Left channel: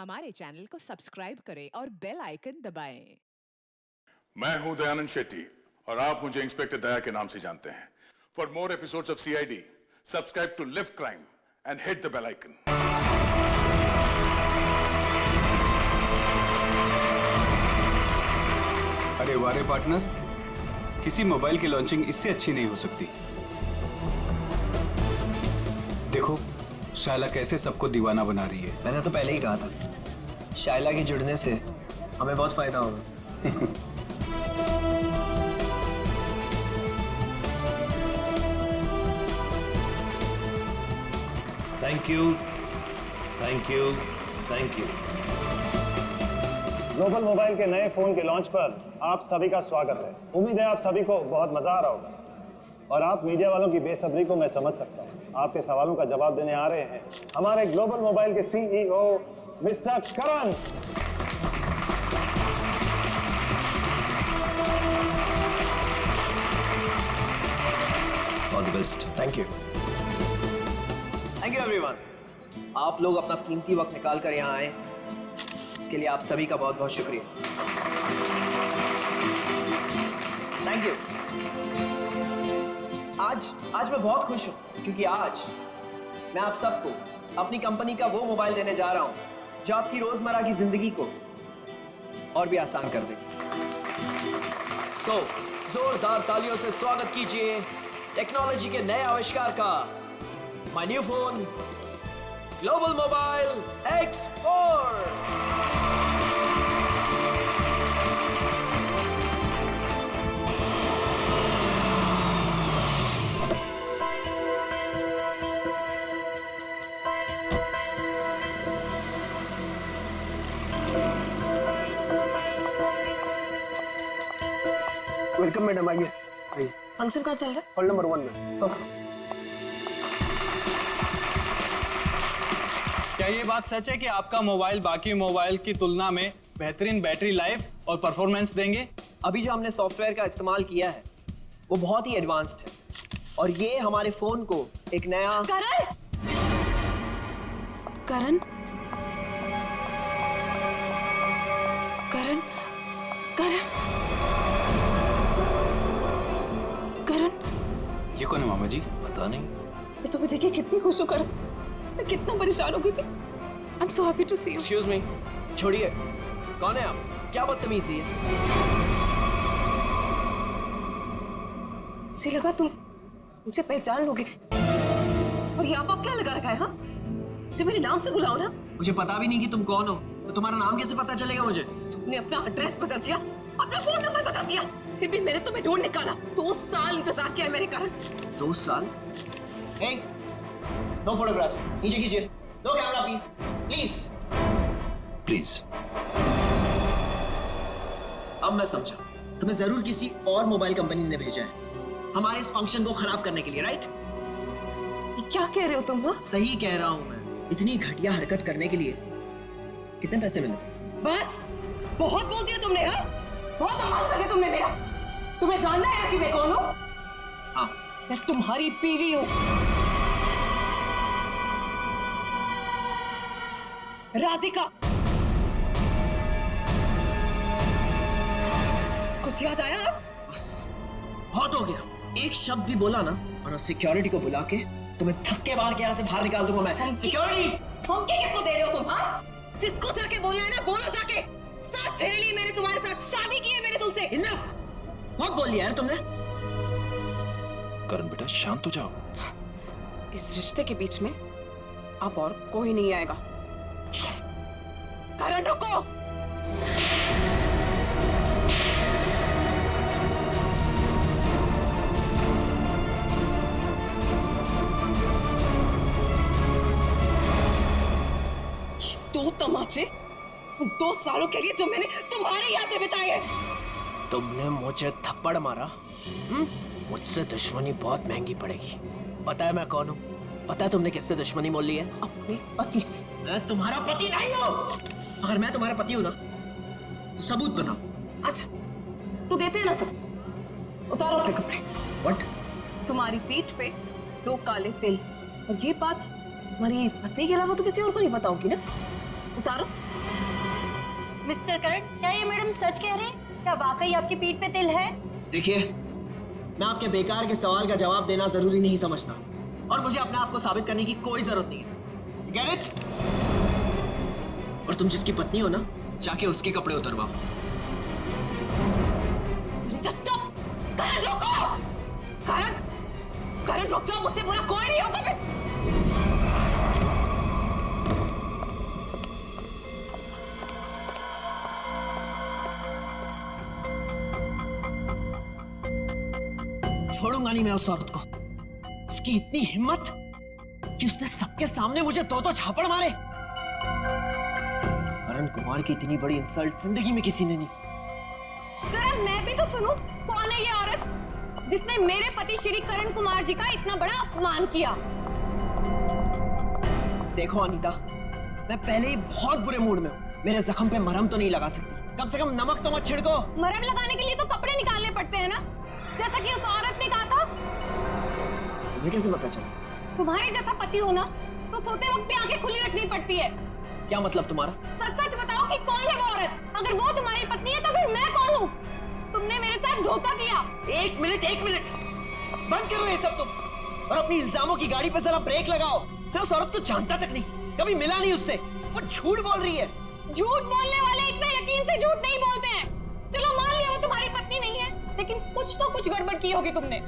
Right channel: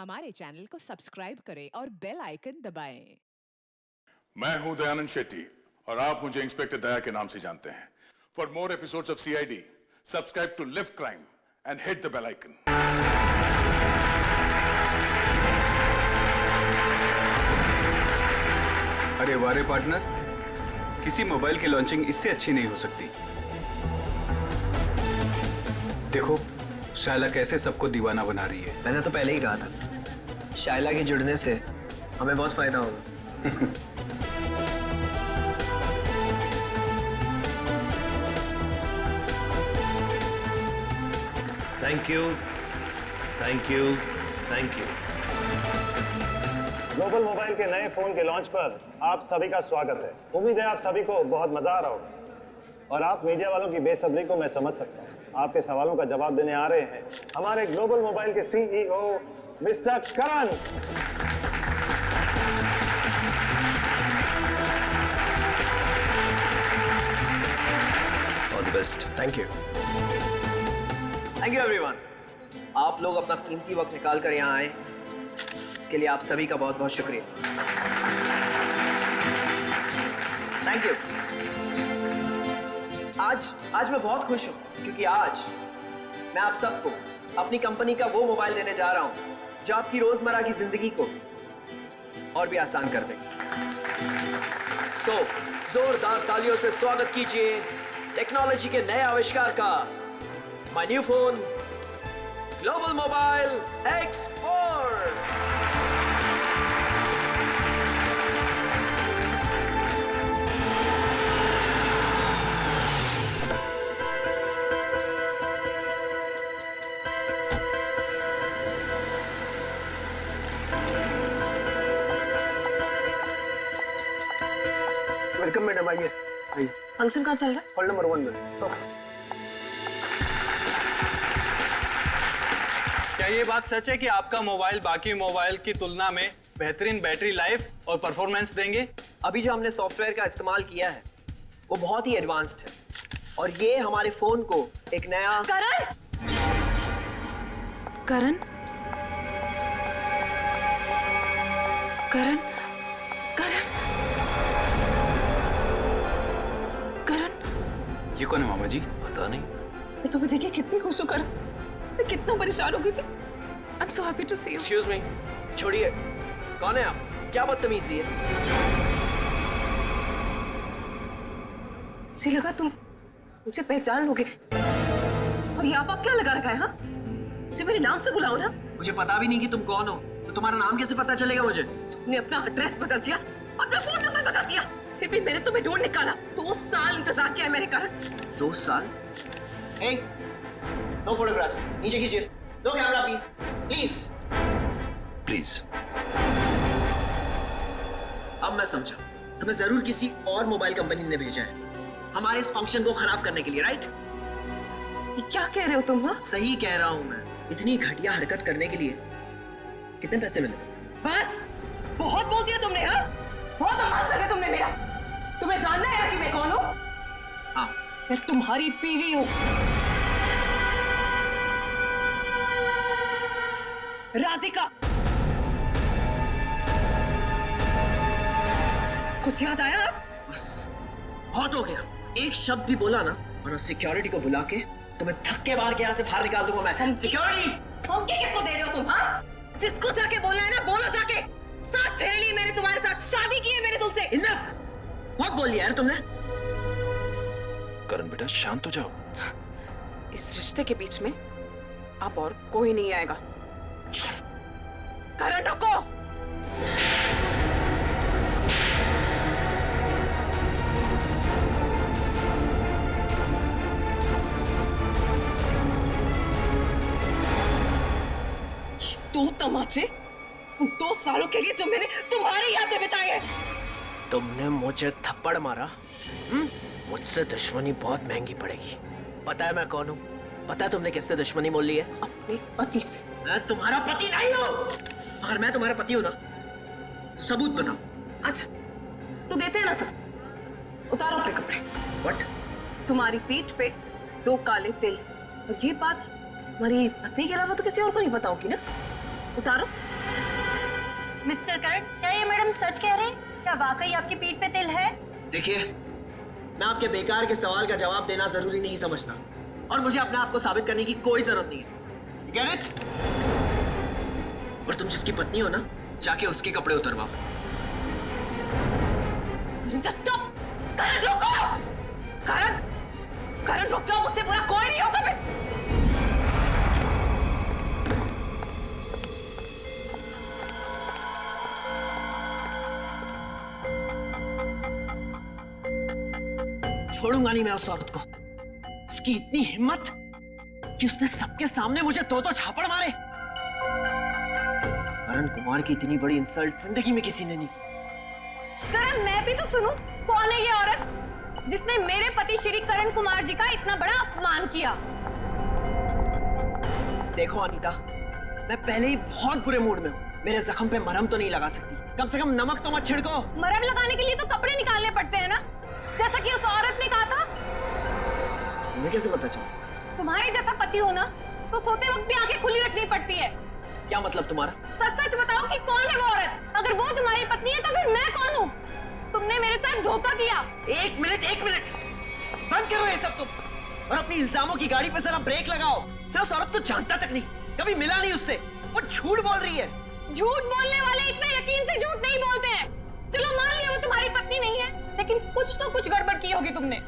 हमारे चैनल को सब्सक्राइब करें और बेल आइकन दबाएं। मैं हूं दयानंद शेट्टी और आप मुझे इंस्पेक्टर दया के नाम से जानते हैं। For more episodes of CID, subscribe to Liv Crime and hit the bell icon. अरे वारे पार्टनर, किसी मोबाइल की लॉन्चिंग इससे अच्छी नहीं हो सकती। देखो शायला कैसे सबको दीवाना बना रही है। मैंने तो पहले ही कहा था, शायला के जुड़ने से हमें बहुत फायदा होगा। Thank you, thank you, thank you. Global mobile के नए फोन के लॉन्च पर आप सभी का स्वागत है। उम्मीद है आप सभी को बहुत मजा आ रहा होगा और आप मीडिया वालों की बेसब्री को मैं समझ सकता हूँ। आपके सवालों का जवाब देने आ रहे हैं हमारे ग्लोबल मोबाइल के CEO mister Karan. All the best. Thank you everyone. आप लोग अपना कीमती वक्त निकाल कर यहाँ आए, इसके लिए आप सभी का बहुत बहुत शुक्रिया। Thank you. आज मैं बहुत खुश हूं क्योंकि आज मैं आप सबको अपनी कंपनी का वो मोबाइल देने जा रहा हूं जो आपकी रोजमर्रा की जिंदगी को और भी आसान कर देगा। सो जोरदार तालियों से स्वागत कीजिए टेक्नोलॉजी के नए आविष्कार का, my new phone global mobile X4। Welcome madam, आइए आइए। फंक्शन कहाँ चल रहा है? हॉल नंबर 1 में। ओके। क्या ये बात सच है कि आपका मोबाइल बाकी मोबाइल की तुलना में बेहतरीन बैटरी लाइफ और परफॉर्मेंस देंगे? अभी जो हमने सॉफ्टवेयर का इस्तेमाल किया है वो बहुत ही एडवांस्ड है और ये हमारे फोन को एक नया करण करण करण करण करण ये कौन है मामा जी? पता नहीं। मैं तुम्हें देखिए कितनी खुश हूँ करण। मैं कितना परेशान हो गई थी। I am so happy to see you. Excuse me, छोड़िए, कौन है आप? क्या बदतमीजी है? मुझे लगा तुम मुझे पहचान लोगे और ये आप क्या लगा रखा है? हाँ, मुझे मेरे नाम से बुलाओ ना। मुझे पता भी नहीं कि तुम कौन हो, तो तुम्हारा नाम कैसे पता चलेगा मुझे? तुमने अपना एड्रेस बदल दिया, अपना फोन नंबर बदल दिया, फिर भी मैंने तुम्हें ढूंढ निकाला। 2 साल इंतजार किया है मेरे कारण। 2 साल? हे, नो फोटोग्राफ्स, नीचे कीजिए। No camera please, please please. अब मैं समझा, तुम्हें जरूर किसी और मोबाइल कंपनी ने भेजा है हमारे इस फंक्शन को खराब करने के लिए, राइट? ये क्या कह रहे हो तुम? हाँ, सही कह रहा हूं मैं। इतनी घटिया हरकत करने के लिए कितने पैसे मिले थे? बस बहुत बोल दिया तुमने। हाँ, बहुत अपमान कर दिया तुमने मेरा। तुम्हें जानना है ना कि मैं कौन हूं? हाँ, मैं तुम्हारी बीवी हूं, राधिका। कुछ याद आया? बस बहुत हो गया। एक शब्द भी बोला ना और सिक्योरिटी को बुला के तुम्हें धक्के मार के यहाँ से बाहर निकाल दूंगा मैं। सिक्योरिटी! धमकी किसको दे रहे हो तुम? हाँ, जिसको जाके बोलना है ना बोलो जाके। साथ फेर ली मैंने तुम्हारे साथ, शादी की है मैंने तुमसे। इनफ! बहुत बोल लिया यार तुमने। करण बेटा शांत हो जाओ। इस रिश्ते के बीच में अब और कोई नहीं आएगा। करण रुको। ये 2 तमाचे उन 2 सालों के लिए जो मैंने तुम्हारी याद में बिताए हैं। तुमने मुझे थप्पड़ मारा, मुझसे दुश्मनी बहुत महंगी पड़ेगी। पता है मैं कौन हूँ? पता है तुमने किससे दुश्मनी मोल ली है? अपने पति से। मैं तुम्हारा पति नहीं हूँ। अगर मैं तुम्हारा पति हूँ ना तो सबूत बताओ। अच्छा, तो देते हैं ना सब। उतारो अपने कपड़े। व्हाट? तुम्हारी पीठ पे 2 काले तिल, और ये बात हमारी पत्नी के अलावा तो किसी और को नहीं पता होगी ना? उतारो। मिस्टर करण, क्या ये मैडम सच कह रहे हैं? क्या वाकई आपकी पीठ पे तिल है? देखिए, मैं आपके बेकार के सवाल का जवाब देना जरूरी नहीं समझता और मुझे अपने आप को साबित करने की कोई जरूरत नहीं है। You get it? और तुम जिसकी पत्नी हो ना, जाके उसके कपड़े उतरवाओ। Just stop! करण रुको! करण रुक जाओ, मुझसे बुरा कोई नहीं होगा फिर। छोड़ूंगा नहीं मैं उस औरत को। उसकी इतनी हिम्मत कि उसने सबके सामने मुझे दो झापड़ मारे। करण कुमार की इतनी बड़ी इंसल्ट जिंदगी में किसी ने नहीं की। जरा मैं भी तो सुनूं, कौन है ये औरत जिसने मेरे पति श्री करण कुमार जी का इतना बड़ा अपमान किया? देखो अनीता, मैं पहले ही बहुत बुरे मूड में हूँ। मेरे जख्म पे मरहम तो नहीं लगा सकती, कम से कम नमक तो मत छिड़को। मरहम लगाने के लिए तो कपड़े निकालने पड़ते हैं ना, जैसा कि उस औरत ने कहा था। तुम्हें कैसे पता चला? तुम्हारे जैसा पति हो ना, तो सोते वक्त भी आंखें खुली रखनी पड़ती है। क्या मतलब तुम्हारा? सच सच बताओ कि कौन है वो औरत? अगर वो तुम्हारी पत्नी है तो फिर मैं कौन हूँ? तुमने मेरे साथ धोखा किया। एक मिनट बंद करो ये सब तुम, और अपनी इल्जामों की गाड़ी पे जरा ब्रेक लगाओ। मैं उस औरत को जानता तक नहीं, कभी मिला नहीं उससे। वो झूठ बोल रही है। झूठ बोलने वाले इतने यकीन से झूठ नहीं बोलते हैं। चलो मान लिया वो तुम्हारी पत्नी नहीं है, लेकिन कुछ तो कुछ गड़बड़ की होगी तुमने।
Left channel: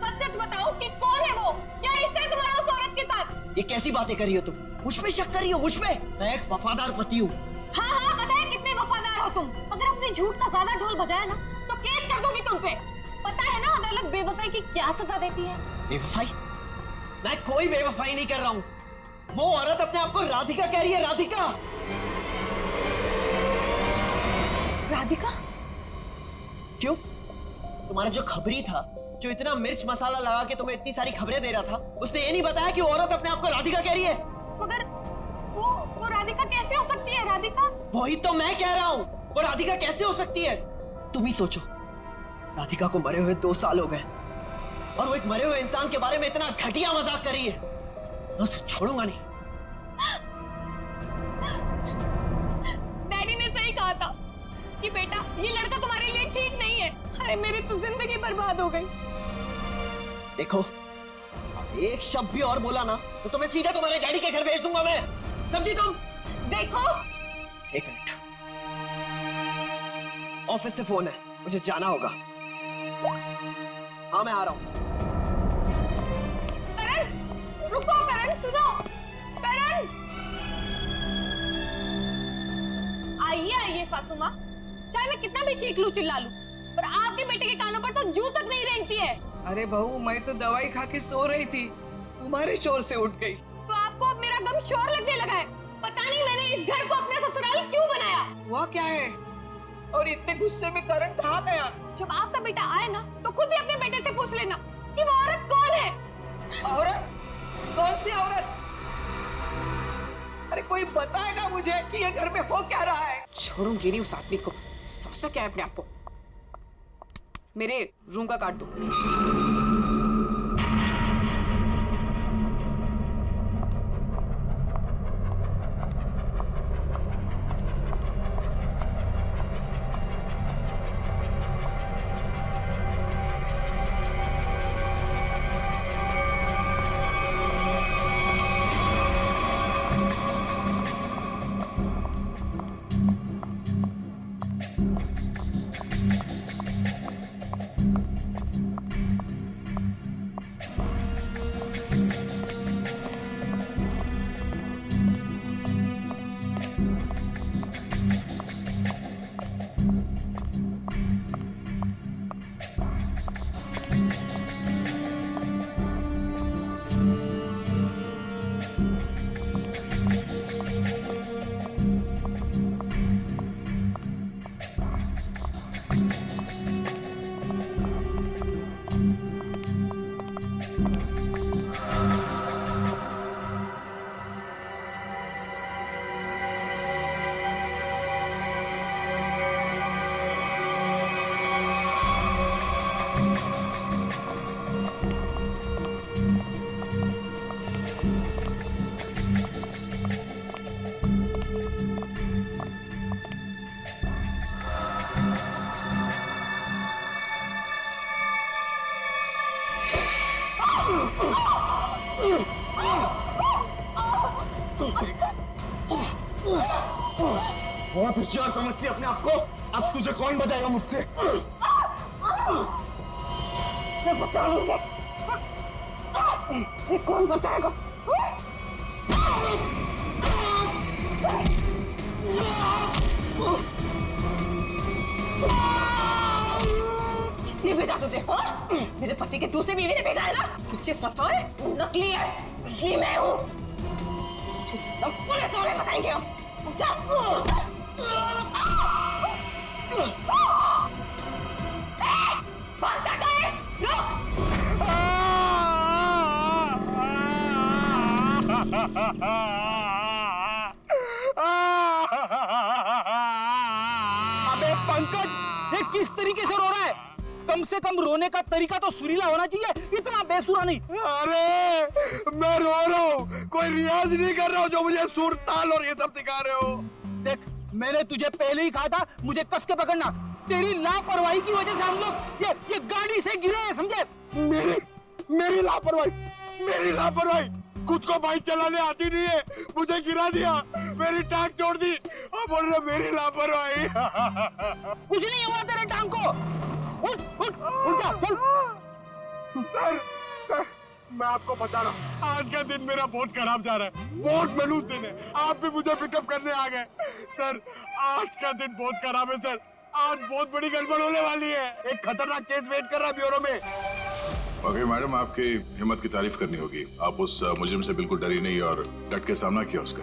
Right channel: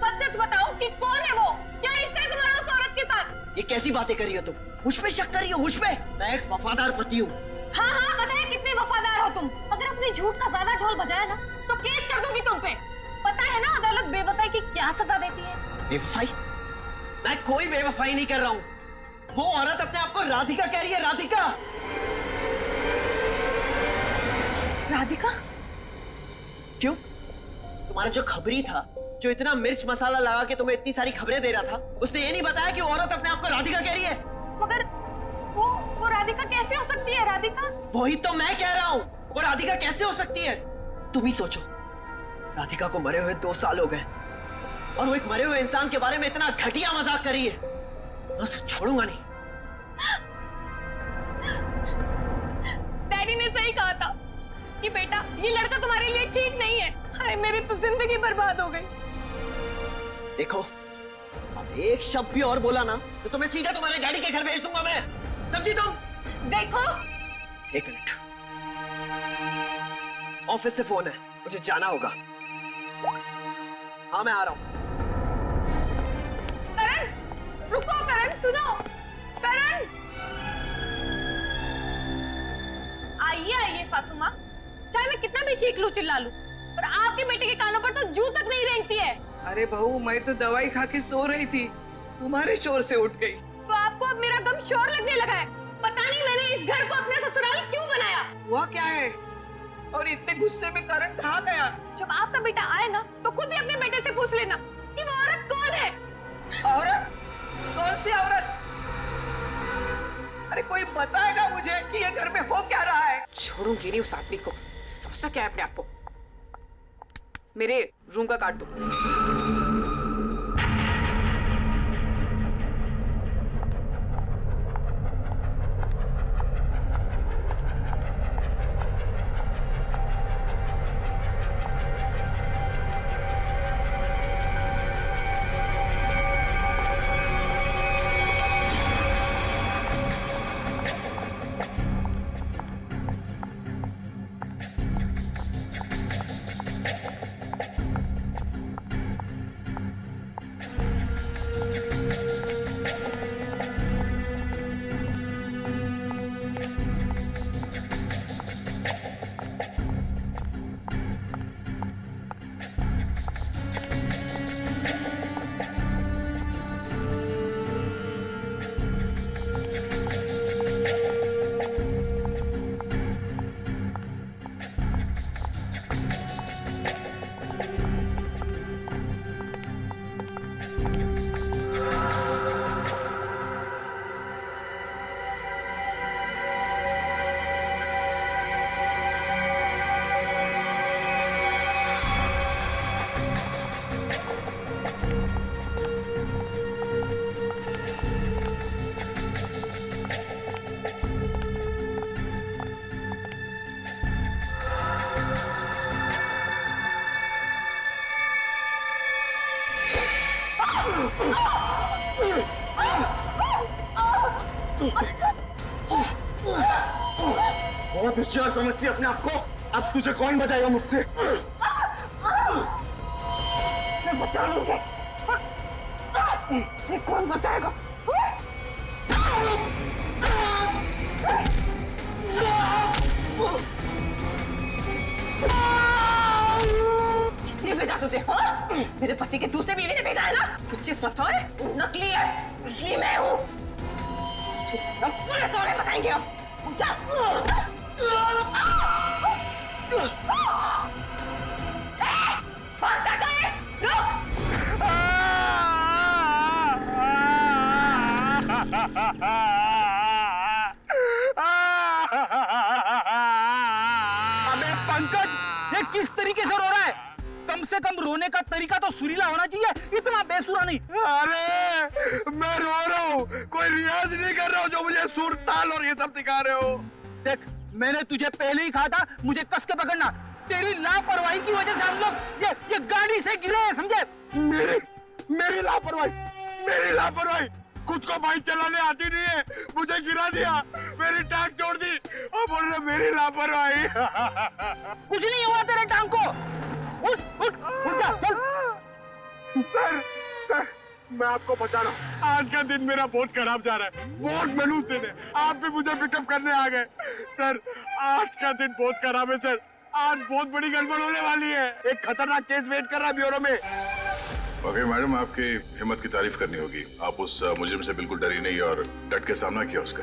सच सच बताओ कि कौन है वो? क्या रिश्ता है तुम्हारा उस औरत के साथ? ये कैसी बातें कर रही हो तुम? मुझ पे शक कर रही हो? मुझ पे? मैं एक वफादार पति हूँ। हाँ हाँ, पता है कितने वफादार हो तुम। अगर अपने झूठ का ज्यादा ढोल बजाया ना, तो केस कर दूंगी तुम पे। पता है ना अदालत बेवफाई की क्या सजा देती है? बेवफाई? मैं कोई बेवफाई नहीं कर रहा हूँ। वो औरत अपने आप को राधिका कह रही है। राधिका? राधिका? क्यों? तुम्हारा जो खबरी था, जो इतना मिर्च मसाला लगा के तुम्हें इतनी सारी खबरें दे रहा था, उसने ये नहीं बताया कि वो औरत अपने आप को राधिका कह रही है। मगर वो राधिका कैसे हो सकती है? राधिका? वही तो मैं कह रहा हूँ, वो राधिका कैसे हो सकती है? तुम ही सोचो, राधिका को मरे हुए 2 साल हो गए और वो एक मरे हुए इंसान के बारे में इतना घटिया मजाक कर रही है। मैं उसे छोड़ूंगा नहीं। डैडी ने सही कहा था कि बेटा ये लड़का तुम्हारे लिए ठीक नहीं है। अरे मेरी तो जिंदगी बर्बाद हो गई। देखो, अब एक शब्द भी और बोला ना तो तुम्हें सीधा तुम्हारे डैडी के घर भेज दूंगा मैं। समझी तुम? देखो, एक मिनट, ऑफिस से फोन है, मुझे जाना होगा। हाँ मैं आ रहा हूं। करण रुको, करण सुनो, करण। आइए सासू माँ, चाहे मैं कितना भी चीख लूं चिल्ला लूं, पर आपके बेटे के कानों पर तो जू तक नहीं रेंगती है। अरे बहू, मैं तो दवाई खा के सो रही थी, तुम्हारे शोर से उठ गई। तो आपको अब मेरा गम शोर लगने लगा है। पता नहीं मैंने इस घर को अपना ससुराल क्यों बनाया। हुआ क्या है? और इतने गुस्से में करण कहाँ गया? जब आपका बेटा आए ना, तो खुद ही अपने बेटे से पूछ लेना कि वो औरत कौन है। औरत? कौन सी औरत? अरे कोई बताएगा मुझे कि ये घर में हो क्या रहा है? छोड़ूंगी नहीं उस आदमी को। समझ क्या है अपने आप को? मेरे रूम का काट दो। बहुत होशियार समझती है अपने आप को। अब तुझे कौन बचाएगा मुझसे? मैं बचा लूंगा। मुझे कौन बचाएगा? किसने भेजा तुझे? हाँ? मेरे पति के दूसरे बीवी ने भेजा है ना? तुझे पता है नकली है, इसलिए मैं हूँ। तुझे तब पुलिस वाले बताएंगे अब, समझा? भागता कहाँ है? रुक! अबे पंकज, ये किस तरीके से रो रहा है? कम से कम रोने का तरीका तो सुरीला होना चाहिए, इतना बेसुरा नहीं। अरे मैं रो रहा हूँ, कोई रियाज नहीं कर रहा हूँ जो मुझे सुर ताल और ये सब सिखा रहे हो। देख, मैंने तुझे पहले ही कहा था मुझे कस के पकड़ना। तेरी लापरवाही की वजह से हम लोग ये गाड़ी से गिरे हैं, समझे? मेरी लापरवाही खुद को बाइक चलाने आती नहीं है, मुझे गिरा दिया, मेरी टांग तोड़ दी और बोल रहे मेरी लापरवाही। कुछ नहीं हुआ तेरे टांग को। उठ जा, चल। सर, मैं आपको बता रहा हूँ, आज का दिन मेरा बहुत खराब जा रहा है, बहुत मनूस दिन है। आप भी मुझे पिकअप करने आ गए। सर, आज का दिन बहुत खराब है सर, आज बहुत बड़ी गड़बड़ होने वाली है। एक खतरनाक केस वेट कर रहा है ब्यूरो में। ओके मैडम, आपकी हिम्मत की तारीफ करनी होगी। आप उस मुजरिम से बिल्कुल डरी नहीं और डट के सामना किया उसका।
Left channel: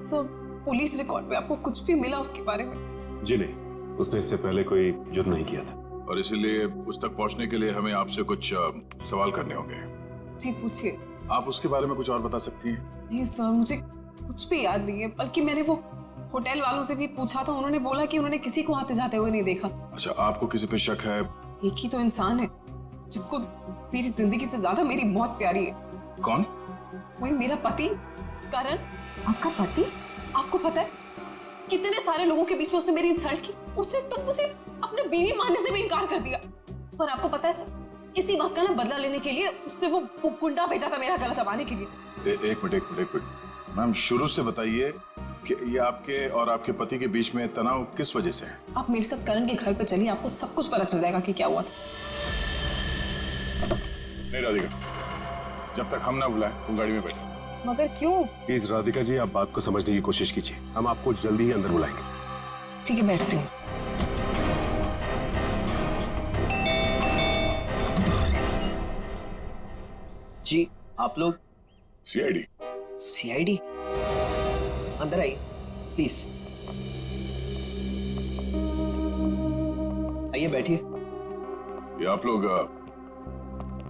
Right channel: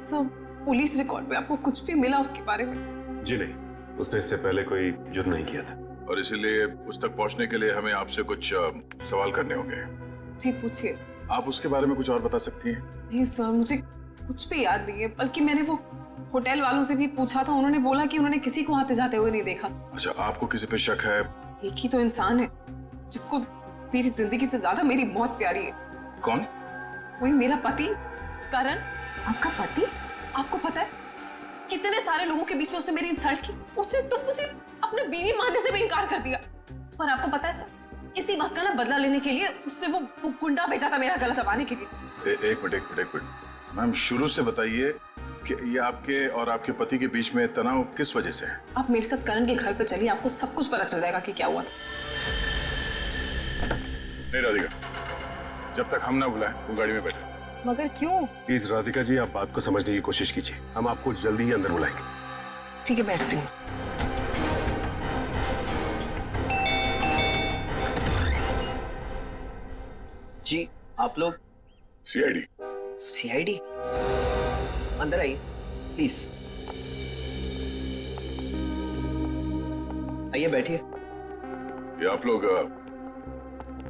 सब पुलिस रिकॉर्ड में आपको कुछ भी मिला उसके बारे में? जी नहीं, उसने इससे पहले कोई जुर्म नहीं किया था। और इसीलिए उस तक पहुंचने के लिए हमें आपसे कुछ सवाल करने होंगे। जी पूछिए। आप उसके बारे में कुछ और बता सकती हैं? नहीं सर, मुझे कुछ भी याद नहीं है, बल्कि मैंने वो होटल वालों से भी पूछा था, उन्होंने बोला कि उन्होंने किसी को आते जाते हुए नहीं देखा। अच्छा, आपको किसी पे शक है? एक ही तो इंसान है जिसको मेरी जिंदगी से ज्यादा मेरी मौत प्यारी है। कौन? वही मेरा पति करण। आपका पति? आपको पता है कितने सारे लोगों के बीच में उसने मेरी इंसल्ट की। उसने तो मुझे अपने बीवी मानने से भी इनकार कर दिया। पर आपको पता है सर, इसी बात का ना बदला लेने के लिए उसने वो गुंडा भेजा था मेरा गला दबाने के लिए। एक मिनट मैम, शुरू से बताइए कि ये आपके और आपके पति के बीच में तनाव किस वजह से है? आप मेरे साथ करण के घर पे चलिए, आपको सब कुछ पता चल जाएगा कि क्या हुआ था। नहीं राधिका, जब तक हम ना बुलाएं तुम गाड़ी में बैठे। मगर क्यों? प्लीज राधिका जी, आप बात को समझने की कोशिश कीजिए, हम आपको जल्दी ही अंदर बुलाएंगे। ठीक है, बैठती हूँ। जी आप लोग? सीआईडी। अंदर आइए प्लीज। आइए बैठिए। ये आप लोग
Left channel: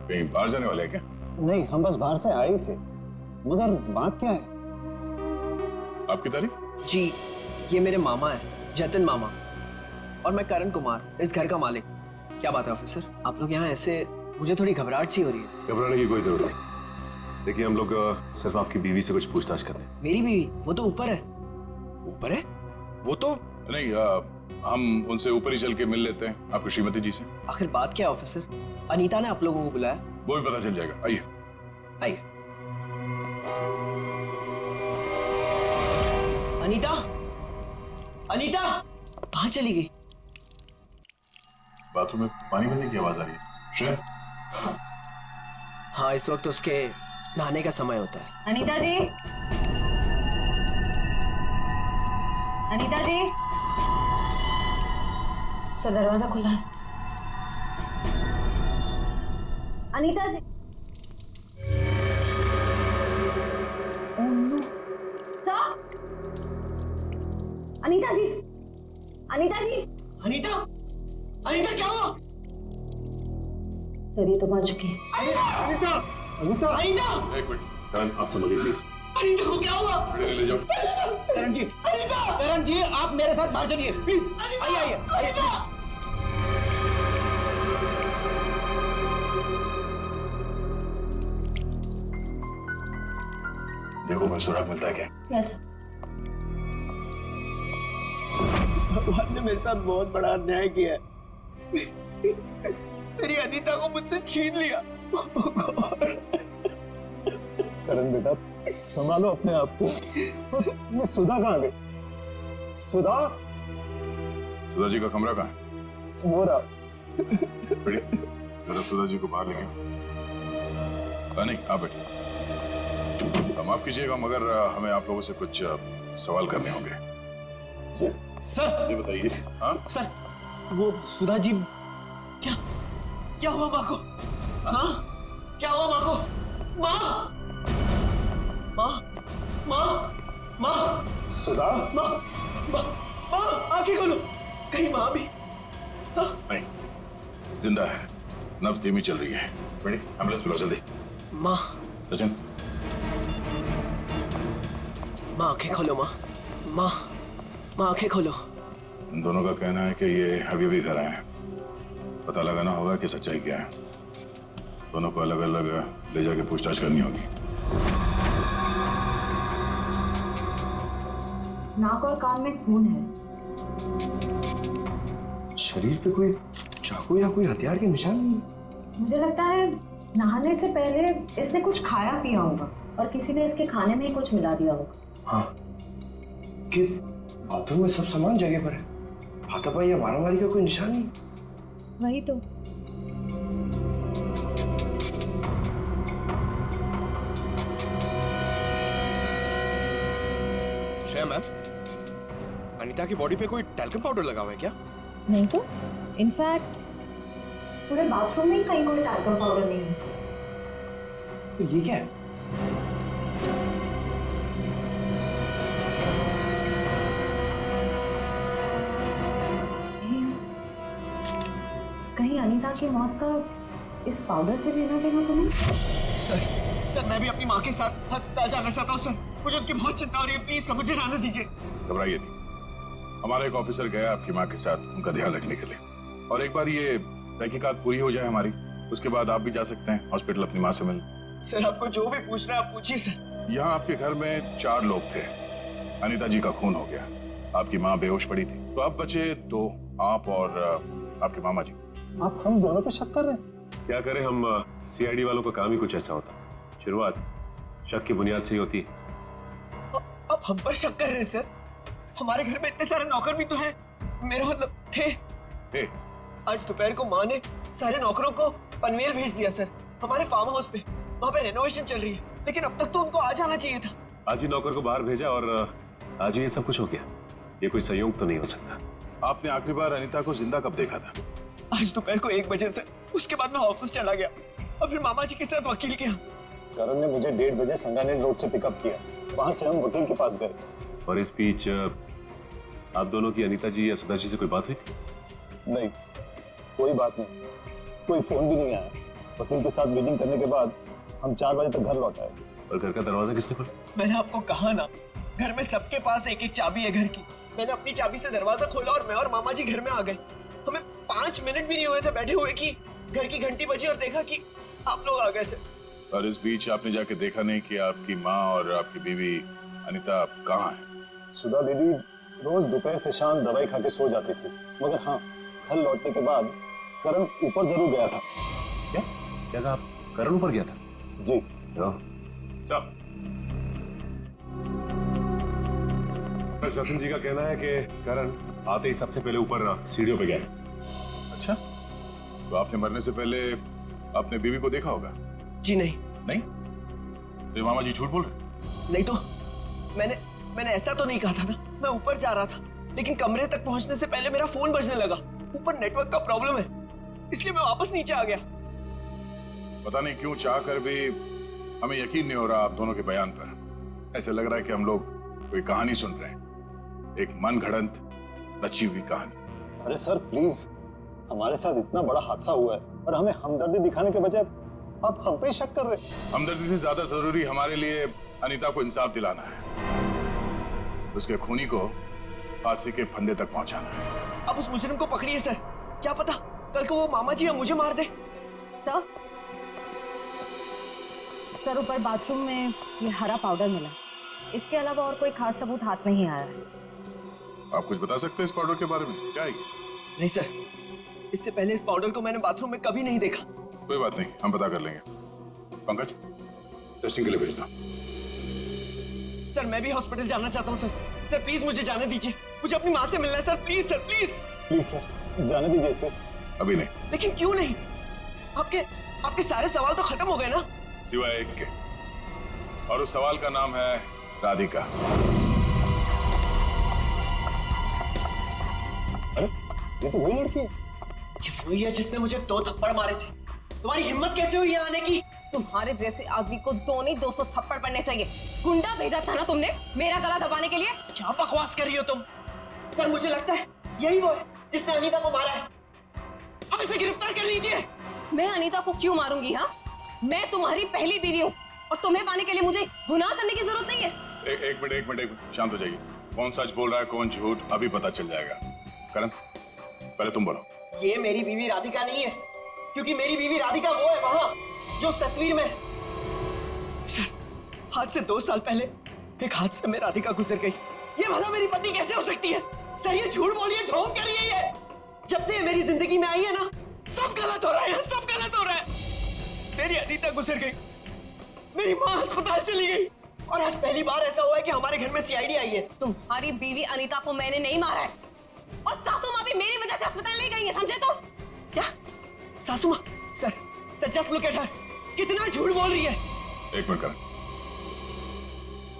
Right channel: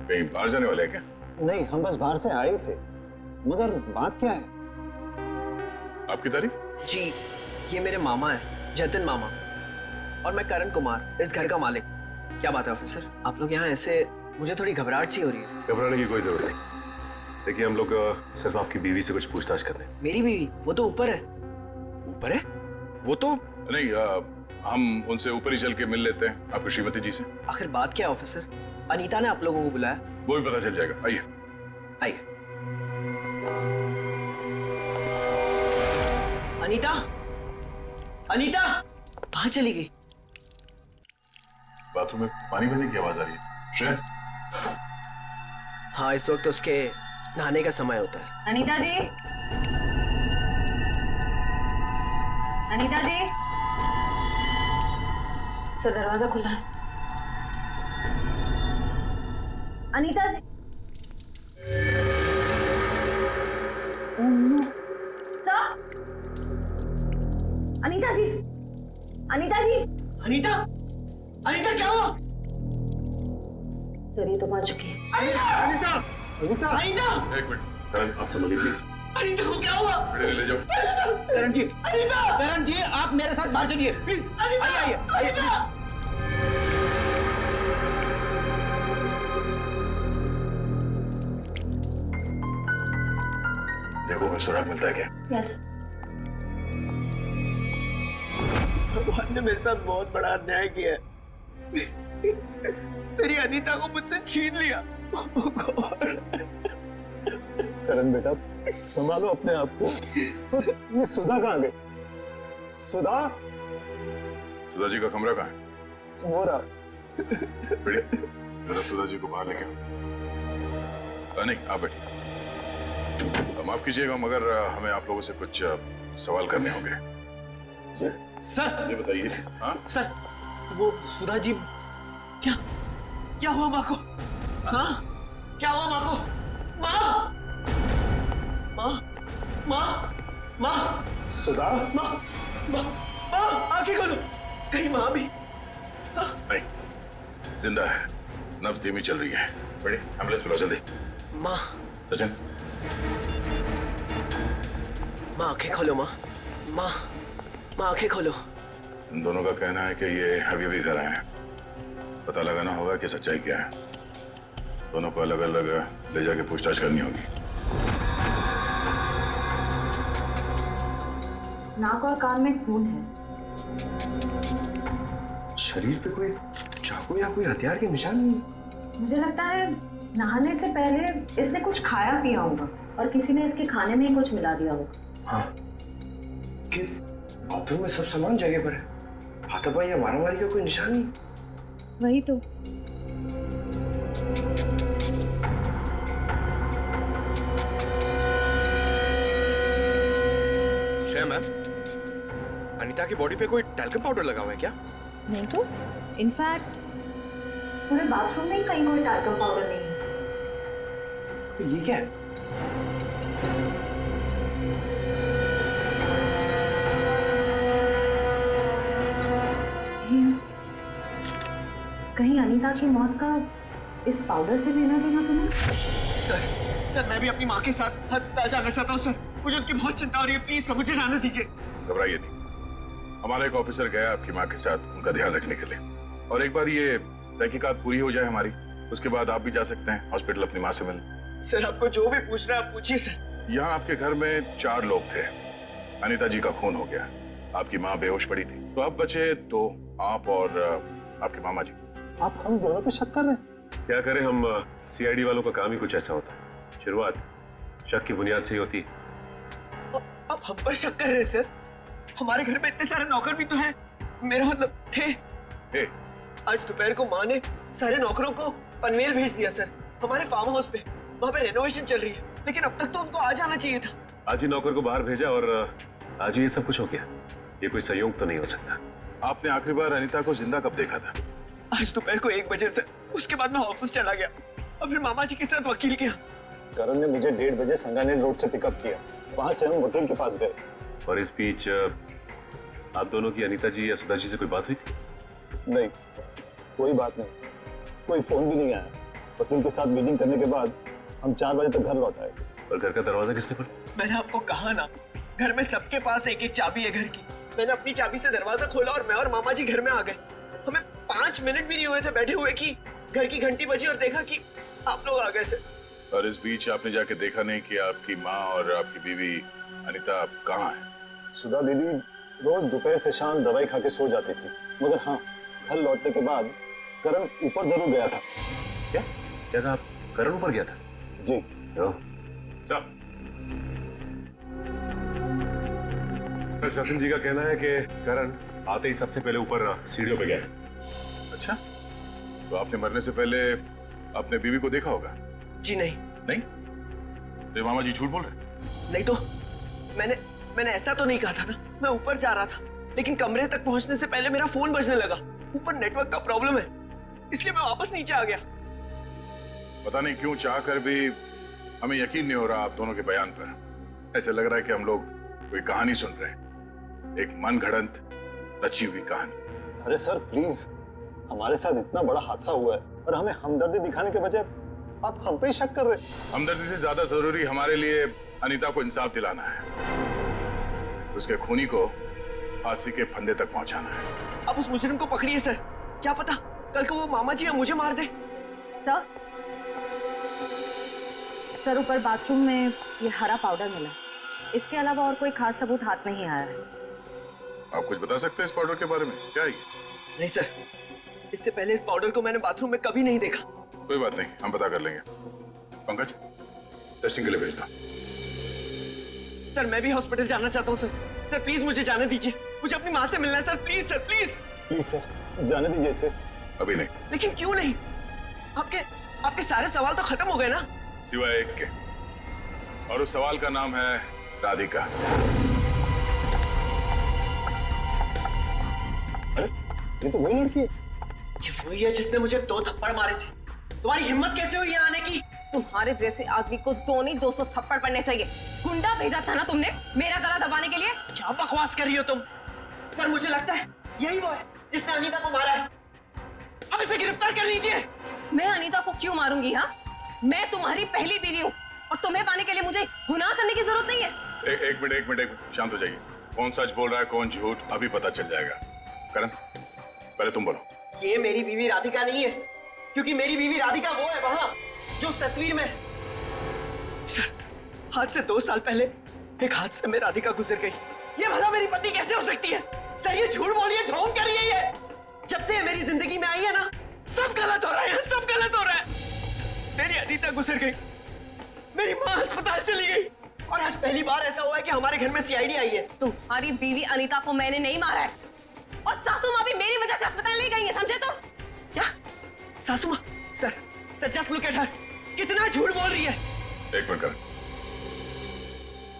कहीं बाहर जाने वाले हैं क्या? नहीं, हम बस बाहर से आए थे, मगर बात क्या है? आपकी तारीफ? जी, ये मेरे मामा है, जतिन मामा, और मैं करण कुमार, इस घर का मालिक। क्या बात है ऑफिसर, आप लोग यहाँ ऐसे? मुझे थोड़ी घबराहट सी हो रही है। घबराने की कोई जरूरत नहीं। देखिए, हम लोग सिर्फ आपकी बीवी से कुछ पूछताछ करते हैं। मेरी बीवी? वो तो ऊपर है। ऊपर है? वो तो नहीं, हम उनसे ऊपर ही चल के मिल लेते हैं आपकी श्रीमती जी से। आखिर बात क्या है ऑफिसर? अनीता ने आप लोगों को बुलाया। वो भी पता चल जाएगा, आइए। आइए। अनीता, अनीता कहाँ चली गई? बाथरूम में पानी बहने की आवाज आ रही है। श्रेया? हाँ, इस वक्त उसके नहाने का समय होता है। अनीता जी, अनीता जी, सर दरवाजा खुला है। Anita ji. Oh no. Sir, Anita ji, Anita ji. Anita, Anita क्या हुआ? सर, ये तो मर चुकी है। अनीता, अनीता, अनीता, एक मिनट, करण, आप समझिए प्लीज। अनीता को क्या हुआ? बेटे ले जाओ। करण जी, अनीता, करण जी, आप मेरे साथ बाहर चलिए प्लीज। आइए आइए आइए प्लीज। देखो कोई सुराग मिलता है क्या? यस। भगवान ने मेरे साथ बहुत बड़ा अन्याय किया है। मेरी अनीता को मुझसे छीन लिया। करण बेटा, संभालो अपने आप को। ये सुधा कहाँ गई? सुधा, सुधा जी का कमरा कहाँ है? वो रहा। बढ़िया, जरा सुधा जी को बाहर लेके आओ। नहीं, आप बैठिए। माफ कीजिएगा मगर हमें आप लोगों से कुछ सवाल करने होंगे। सर, ये बताइए। हाँ सर, वो सुधा जी, क्या हुआ माँ को? हाँ, क्या हुआ माँ को? माँ, माँ, माँ, माँ, सुधा, माँ, माँ, माँ, आंखें खोलो, कहीं माँ भी? नहीं, जिंदा है, नब्ज धीमी चल रही है। बढ़िया, एम्बुलेंस बुलाओ जल्दी। माँ, सचिन, माँ आंखें खोलो, माँ, माँ, माँ आंखें खोलो। इन दोनों का कहना है कि ये अभी भी घर आए हैं। पता लगाना होगा कि सच्चाई क्या है। दोनों को अलग अलग ले जाके पूछताछ करनी होगी। नाक और कान में खून है। शरीर पे कोई चाकू या कोई हथियार के निशान नहीं। मुझे लगता है नहाने से पहले इसने कुछ खाया पिया होगा और किसी ने इसके खाने में ही कुछ मिला दिया होगा। हाँ, कि बाथरूम में सब सामान जगह पर है, हाथापाई या मारामारी का कोई निशान नहीं। वही तो। श्रेया मैम, अनीता की बॉडी पे कोई टैल्कम पाउडर लगा हुआ है क्या? नहीं तो, इनफैक्ट पूरे बाथरूम में ही कहीं कोई टैल्कम पाउडर नहीं है। तो ये क्या है? कहीं अनीता की मौत का इस पाउडर से लेना देना तो नहीं? सर, मैं भी अपनी माँ के साथ अस्पताल जाना चाहता हूँ सर। मुझे उनकी बहुत चिंता हो रही है, प्लीज सर मुझे जाने दीजिए। घबराइए नहीं, हमारा एक ऑफिसर गया आपकी माँ के साथ उनका ध्यान रखने के लिए। और एक बार ये तहकीकात पूरी हो जाए हमारी, उसके बाद आप भी जा सकते हैं हॉस्पिटल अपनी माँ से मिलने। सर आपको जो भी पूछना है आप पूछिए सर। यहाँ आपके घर में 4 लोग थे। अनीता जी का खून हो गया, आपकी माँ बेहोश पड़ी थी, तो अब बचे 2, आप और आपके मामा जी। आप हम दोनों पे शक कर रहे हैं? क्या करें हम, सीआईडी वालों का काम ही कुछ ऐसा होता है। शुरुआत शक की बुनियाद से ही होती है। आप हम पर शक कर रहे हैं सर? हमारे घर में इतने सारे नौकर भी तो हैं। मेरा मतलब थे। आज दोपहर को माँ ने सारे नौकरों को पनवेल भेज दिया सर, हमारे फार्म हाउस पे। वहाँ पे रेनोवेशन चल रही है, लेकिन अब तक तो उनको आ जाना चाहिए था। आज ही नौकर को बाहर भेजा और आज ही ये सब कुछ हो गया। ये कोई संयोग तो नहीं हो सकता। आपने आखिरी बार अनीता को जिंदा कब देखा था? आज दोपहर को 1 बजे से। उसके बाद मैं ऑफिस चला गया और फिर मामा जी के साथ वकील के यहाँ। करण ने मुझे 1:30 बजे संगानेर रोड से पिकअप किया, वहां से हम वकील के पास गए। और इस बीच आप दोनों की अनीता जी या सुधा जी से कोई बात हुई थी? नहीं, कोई बात नहीं, कोई फोन भी नहीं आया। वकील के साथ मीटिंग करने के बाद हम 4 बजे तक घर लौट आए। और घर का दरवाजा किसने खोला? मैंने आपको कहा ना, घर में सबके पास एक एक चाबी है घर की। मैंने अपनी चाबी से दरवाजा खोला और मैं और मामा जी घर में आ गए। हमें 5 मिनट भी नहीं हुए थे बैठे हुए कि घर की घंटी बजी और देखा कि आप लोग आ गए सर। और इस बीच आपने जाके देखा नहीं कि आपकी माँ और आपकी बीवी अनीता कहाँ है? सुधा दीदी रोज दोपहर से शाम दवाई खा के सो जाती थी, मगर हाँ, घर लौटने के बाद करण ऊपर जरूर गया था। क्या क्या कहा आप? करण ऊपर गया था? जी। सचिन जी का कहना है कि करण आते ही सबसे पहले ऊपर सीढ़ियों पे गया। अच्छा, तो आपने मरने से पहले अपने बीवी को देखा होगा? जी नहीं। नहीं? तो मामा जी झूठ बोल रहे? नहीं तो मैंने ऐसा तो नहीं कहा था ना। मैं ऊपर जा रहा था, लेकिन कमरे तक पहुंचने से पहले मेरा फोन बजने लगा। ऊपर नेटवर्क का प्रॉब्लम है, इसलिए मैं वापस नीचे आ गया। पता नहीं क्यों चाह कर भी हमें यकीन नहीं हो रहा आप दोनों के बयान पर। ऐसे लग रहा है कि हम लोग कोई कहानी सुन रहे हैं, एक मन घड़ंत रची हुई कहानी। अरे सर प्लीज, हमारे साथ इतना बड़ा हादसा हुआ है और हमें हमदर्दी दिखाने के बजाय आप हम पे ही शक कर रहे हैं। हमदर्दी से ज्यादा जरूरी हमारे लिए अनीता को इंसाफ दिलाना है, उसके खूनी को फांसी के फंदे तक पहुंचाना है। अब उस मुजरिम को पकड़िए सर, क्या पता कल को वो मामा जी या मुझे मार दे। सर ऊपर बाथरूम में ये हरा पाउडर मिला, इसके अलावा और कोई खास सबूत हाथ नहीं आया है। आप कुछ बता सकते हैं इस पाउडर के बारे में? क्या है ये? नहीं सर, इससे पहले इस पाउडर को मैंने बाथरूम में कभी नहीं देखा। कोई बात नहीं, हम पता कर लेंगे। पंकज, टेस्टिंग के लिए भेज दो। सर मैं भी हॉस्पिटल जाना चाहता हूँ सर। सर प्लीज मुझे जाने दीजिए, मुझे अपनी माँ से मिलना है sir, please sir, please. Please sir, जाने दीजिए इसे। अभी नहीं। लेकिन क्यों नहीं? आपके सारे सवाल तो खत्म हो गए ना? सिवाय एक के, और उस सवाल का नाम है राधिका। अरे ये तो वही लड़की है। ये वही है जिसने मुझे 2 थप्पड़ मारे थे। तुम्हारी हिम्मत कैसे हुई यहाँ आने की? तुम्हारे जैसे आदमी को 2 नहीं 200 थप्पड़ पड़ने चाहिए। गुंडा भेजा था ना तुमने मेरा गला दबाने के लिए? क्या बकवास कर रही हो तुम? सर मुझे लगता है यही वो है जिसने अनीता को मारा है। अब इसे गिरफ्तार कर लीजिए। मैं अनीता को क्यों मारूंगी? हाँ, मैं तुम्हारी पहली बीवी हूँ और तुम्हें पाने के लिए मुझे गुनाह करने की जरूरत नहीं है। एक मिनट, शांत हो जाइए। कौन सच बोल रहा है कौन झूठ अभी पता चल जाएगा। करण, पहले तुम बोलो। ये मेरी बीवी राधिका नहीं है, क्योंकि मेरी बीवी राधिका वो है वहां जो उस तस्वीर में। सर, आज से 2 साल पहले एक हादसे में राधिका गुजर गई। ये भला मेरी पत्नी कैसे हो सकती है? सर ये झूठ बोल रही है, ढोंग कर रही है ये। जब से मेरी जिंदगी में आई है ना, सब गलत हो रहा है, सब गलत हो रहा है। मेरी अनीता गुजर गई, मेरी माँ अस्पताल चली गई, और आज पहली बार ऐसा हुआ है कि हमारे घर में सीआईडी आई है। तुम्हारी बीवी अनीता को मैंने नहीं मारा है, और सासू माँ भी मेरी वजह से अस्पताल ले गई है, समझे? तो क्या सासू माँ? Sir just look at her, कितना झूठ बोल रही है। एक मिनट करण।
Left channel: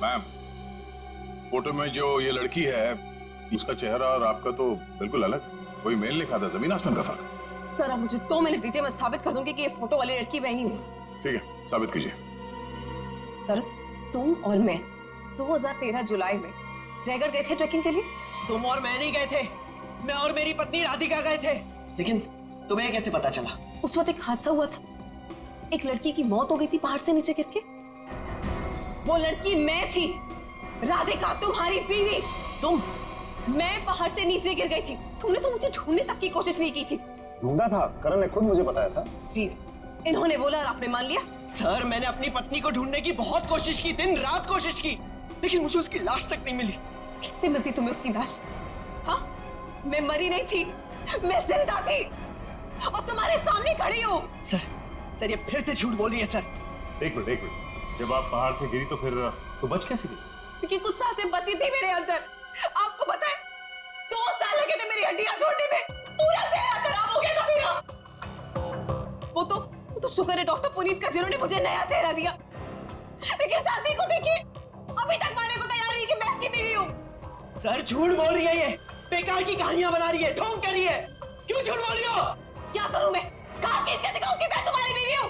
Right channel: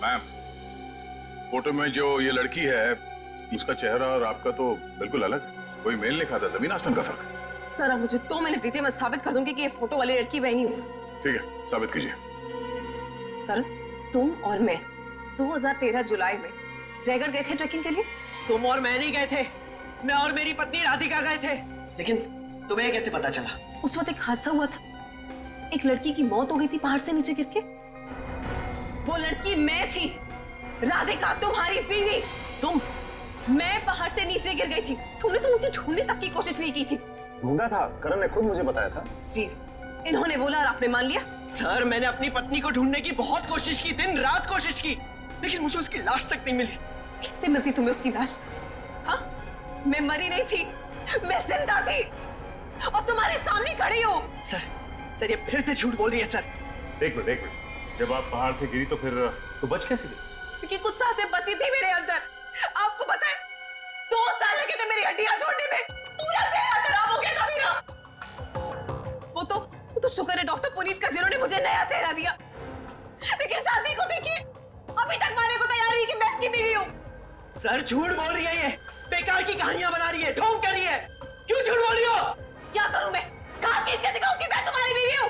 मैम, फोटो में जो ये लड़की है उसका चेहरा और आपका तो बिल्कुल अलग। कोई मेल नहीं खाता, जमीन आसमान का फर्क। सर अब मुझे 2 मिनट दीजिए, मैं साबित कर दूंगी कि ये फोटो वाली लड़की वही हूँ। ठीक है, साबित कीजिए। करण, तुम और मैं 2013 जुलाई में जयगढ़ गए थे ट्रैकिंग के लिए। तुम और मैं नहीं गए थे, मैं और मेरी पत्नी राधिका गए थे। लेकिन तुम्हें कैसे पता चला? उस वक्त एक हादसा हुआ था, एक लड़की की मौत हो गई थी पहाड़ से नीचे गिर के। वो लड़की मैं थी, राधिका तुम्हारी बीवी। तुम? मैं पहाड़ से नीचे गिर गई थी, तुमने तो मुझे ढूंढने तक की कोशिश नहीं की थी। ढूंढा था, करण ने खुद मुझे बताया था। जी, इन्होंने बोला और आपने मान लिया। सर मैंने अपनी पत्नी को ढूंढने की बहुत कोशिश की, दिन रात कोशिश की, लेकिन मुझे उसकी लाश तक नहीं मिली। कैसे मिलती तुम्हें उसकी लाश? हाँ, मैं मरी नहीं थी, मैं जिंदा थी और तुम्हारे सामने खड़ी हूँ। सर ये फिर से झूठ बोल रही है सर। एक मिनट, जब आप पहाड़ से गिरी तो फिर तो बच कैसे गई? क्योंकि कुछ सांसें बची थी मेरे अंदर। आपको पता है 2 साल लगे थे मेरी हड्डियां छोड़ने में, पूरा चेहरा खराब हो गया था मेरा। वो तो शुक्र है डॉक्टर पुनीत का जिन्होंने मुझे नया चेहरा दिया। लेकिन शादी को देखिए, अभी तक मारने को तैयार नहीं कि मैं इसकी बीवी हूँ। सर झूठ बोल रही है, ये बेकार की कहानियां बना रही है, ढोंग कर रही है। क्यों झूठ बोल रही हो? क्या करूं मैं? कहां किसके दिखाऊं कि मैं तुम्हारी बीवी हूं?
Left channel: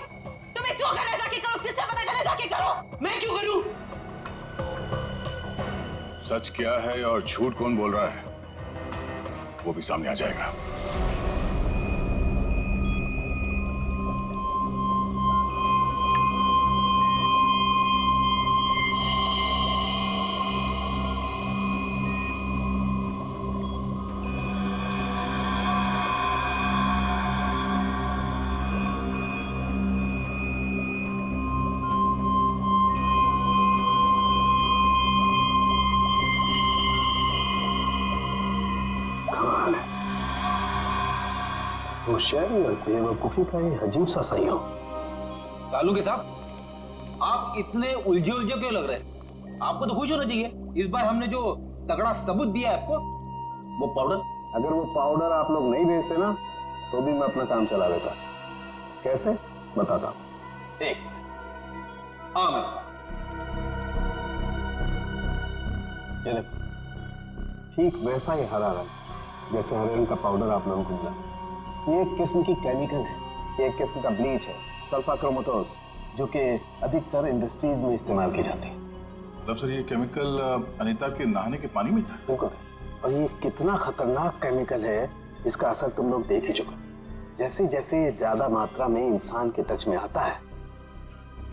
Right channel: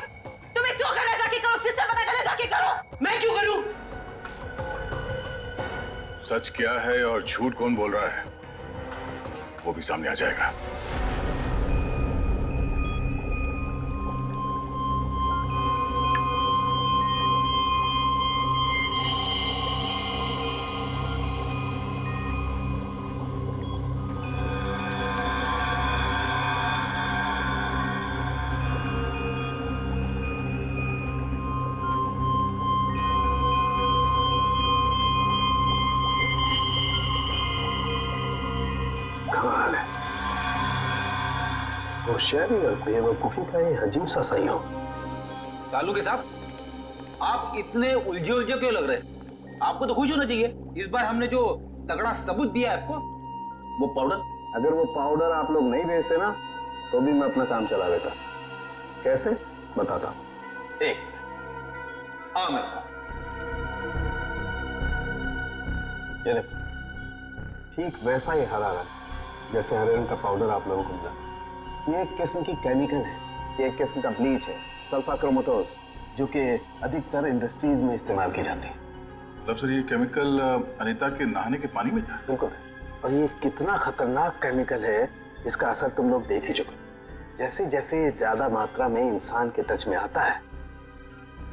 तुम्हें जो करना जाके करो, जिससे पता करना जाके करो। मैं क्यों करूं? सच क्या है और झूठ कौन बोल रहा है वो भी सामने आ जाएगा। होशियारी और बेवकूफी का ये अजीब सा संयोग। सालू के साहब, आप इतने उलझे क्यों लग रहे? आपको तो खुश होना चाहिए, इस बार हमने जो तगड़ा सबूत दिया है आपको, वो पाउडर। अगर वो पाउडर आप लोग नहीं भेजते ना तो भी मैं अपना काम चला लेता। कैसे बताता हूं। एक हाँ मेरे साथ ये देखो, ठीक वैसा ही हरा रंग जैसे हरे रंग का पाउडर आप लोगों को मिला। ये एक किस्म की केमिकल है, ये एक किस्म का ब्लीच है, सल्फा क्रोमेटोज, जो कि अधिकतर इंडस्ट्रीज में इस्तेमाल की जाती है। मतलब सर ये केमिकल अनीता के नहाने के पानी में था? बिल्कुल, और ये कितना खतरनाक केमिकल है इसका असर तुम लोग देख ही चुके। जैसे जैसे ये ज्यादा मात्रा में इंसान के टच में आता है,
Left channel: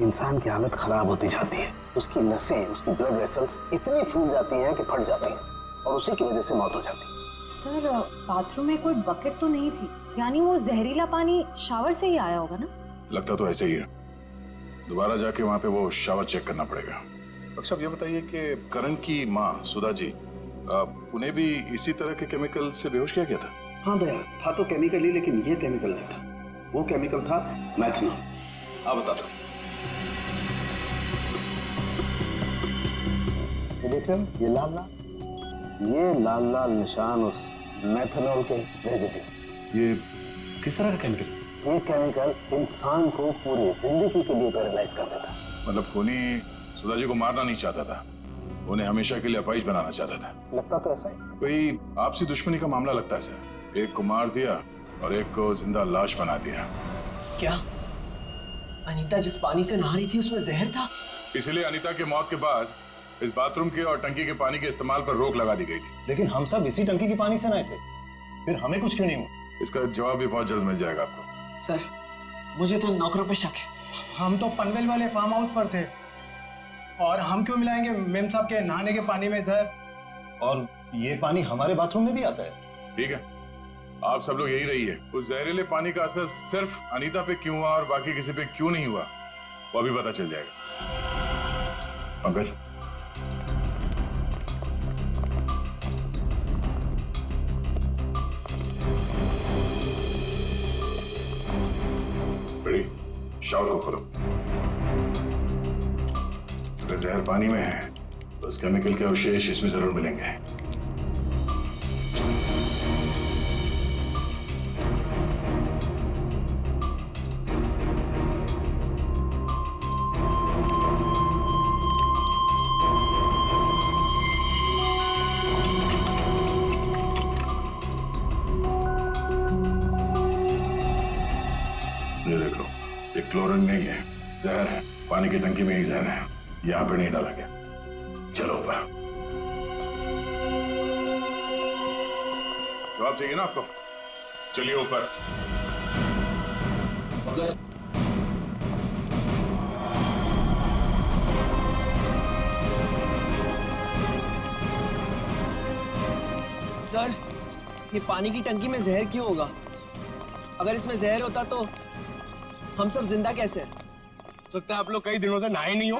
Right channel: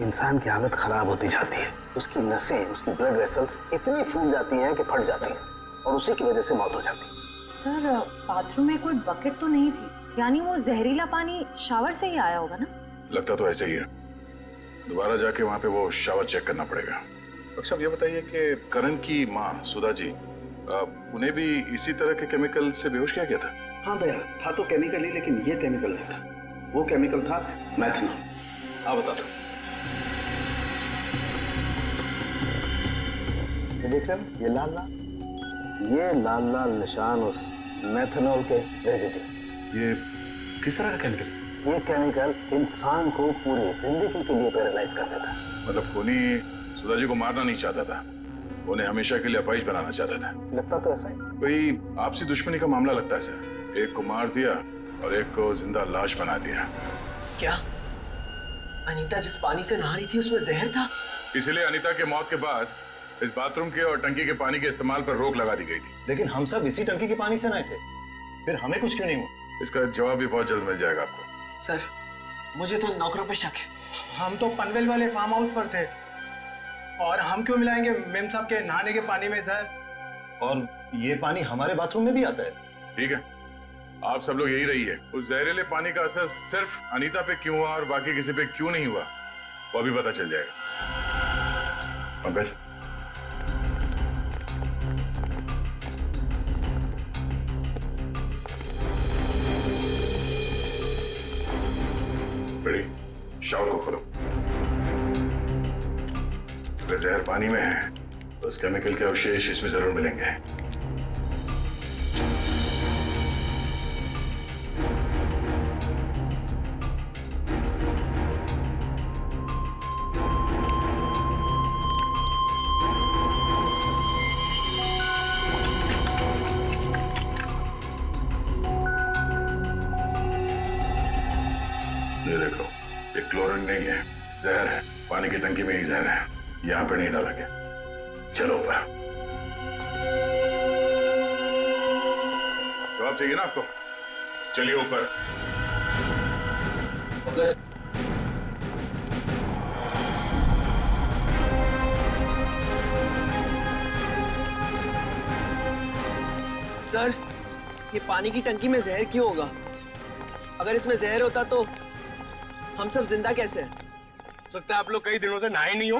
इंसान की हालत खराब होती जाती है। उसकी नसें, उसकी ब्लड वेसल्स इतनी फूल जाती हैं कि फट जाती हैं और उसी की वजह से मौत हो जाती है। सर बाथरूम में कोई बकेट तो नहीं थी, यानी वो जहरीला पानी शावर से ही आया होगा ना? लगता तो ऐसे ही है। दोबारा जाके वहां पे वो शावर चेक करना पड़ेगा। डॉक्टर साहब ये बताइए कि करण की माँ सुधा जी, उन्हें भी इसी तरह के केमिकल से बेहोश किया गया था? हाँ दया, था तो केमिकल ही, लेकिन ये केमिकल नहीं था। वो केमिकल था मैथनॉल। हाँ बता दो। ये देख रहे हो, ये लाल लाल, ये लाल लाल निशान उस मेथनॉल के रेजिड्यू। ये किस तरह का केमिकल है? ये केमिकल इंसान को पूरी जिंदगी के लिए पैरालाइज कर देता है। मतलब खूनी सुधा जी को मारना नहीं चाहता था, उन्हें हमेशा के लिए अपाहिज बनाना चाहता था। लगता तो ऐसा ही। कोई आपसी दुश्मनी का मामला लगता है सर। एक को मार दिया और एक को जिंदा लाश बना दिया। क्या अनीता जिस पानी से नहा रही थी उसमें जहर था? इसलिए अनीता के मौत के बाद इस बाथरूम के और टंकी के पानी के इस्तेमाल पर रोक लगा दी गई थी। लेकिन हम सब इसी टंकी के पानी से नहाए थे, फिर हमें कुछ क्यों नहीं हुआ? इसका जवाब भी बहुत जल्द मिल जाएगा आपको। सर मुझे तो नौकरों पे शक है। हम तो पनवेल वाले फार्म हाउस पर थे और हम क्यों मिलाएंगे मेम साहब के नहाने के पानी में सर? और ये पानी हमारे बाथरूम में भी आता है। ठीक है, आप सब लोग यही रहिए। उस जहरीले पानी का असर सिर्फ अनीता पे क्यों हुआ और बाकी किसी पे क्यों नहीं हुआ वो अभी पता चल जाएगा। पंकज, बड़ी शावर को खोलो। अगर जहर पानी में है तो उस केमिकल के अवशेष इसमें जरूर मिलेंगे। ये देखो, ये क्लोरीन नहीं है, जहर है। पानी की टंकी में ही जहर है, यहाँ पे नहीं डाला गया। चलो ऊपर। जवाब चाहिए ना आपको? चलिए ऊपर। सर ये पानी की टंकी में जहर क्यों होगा? अगर इसमें जहर होता तो हम सब जिंदा कैसे हैं? हो सकता है आप लोग कई दिनों से नहाए नहीं हो।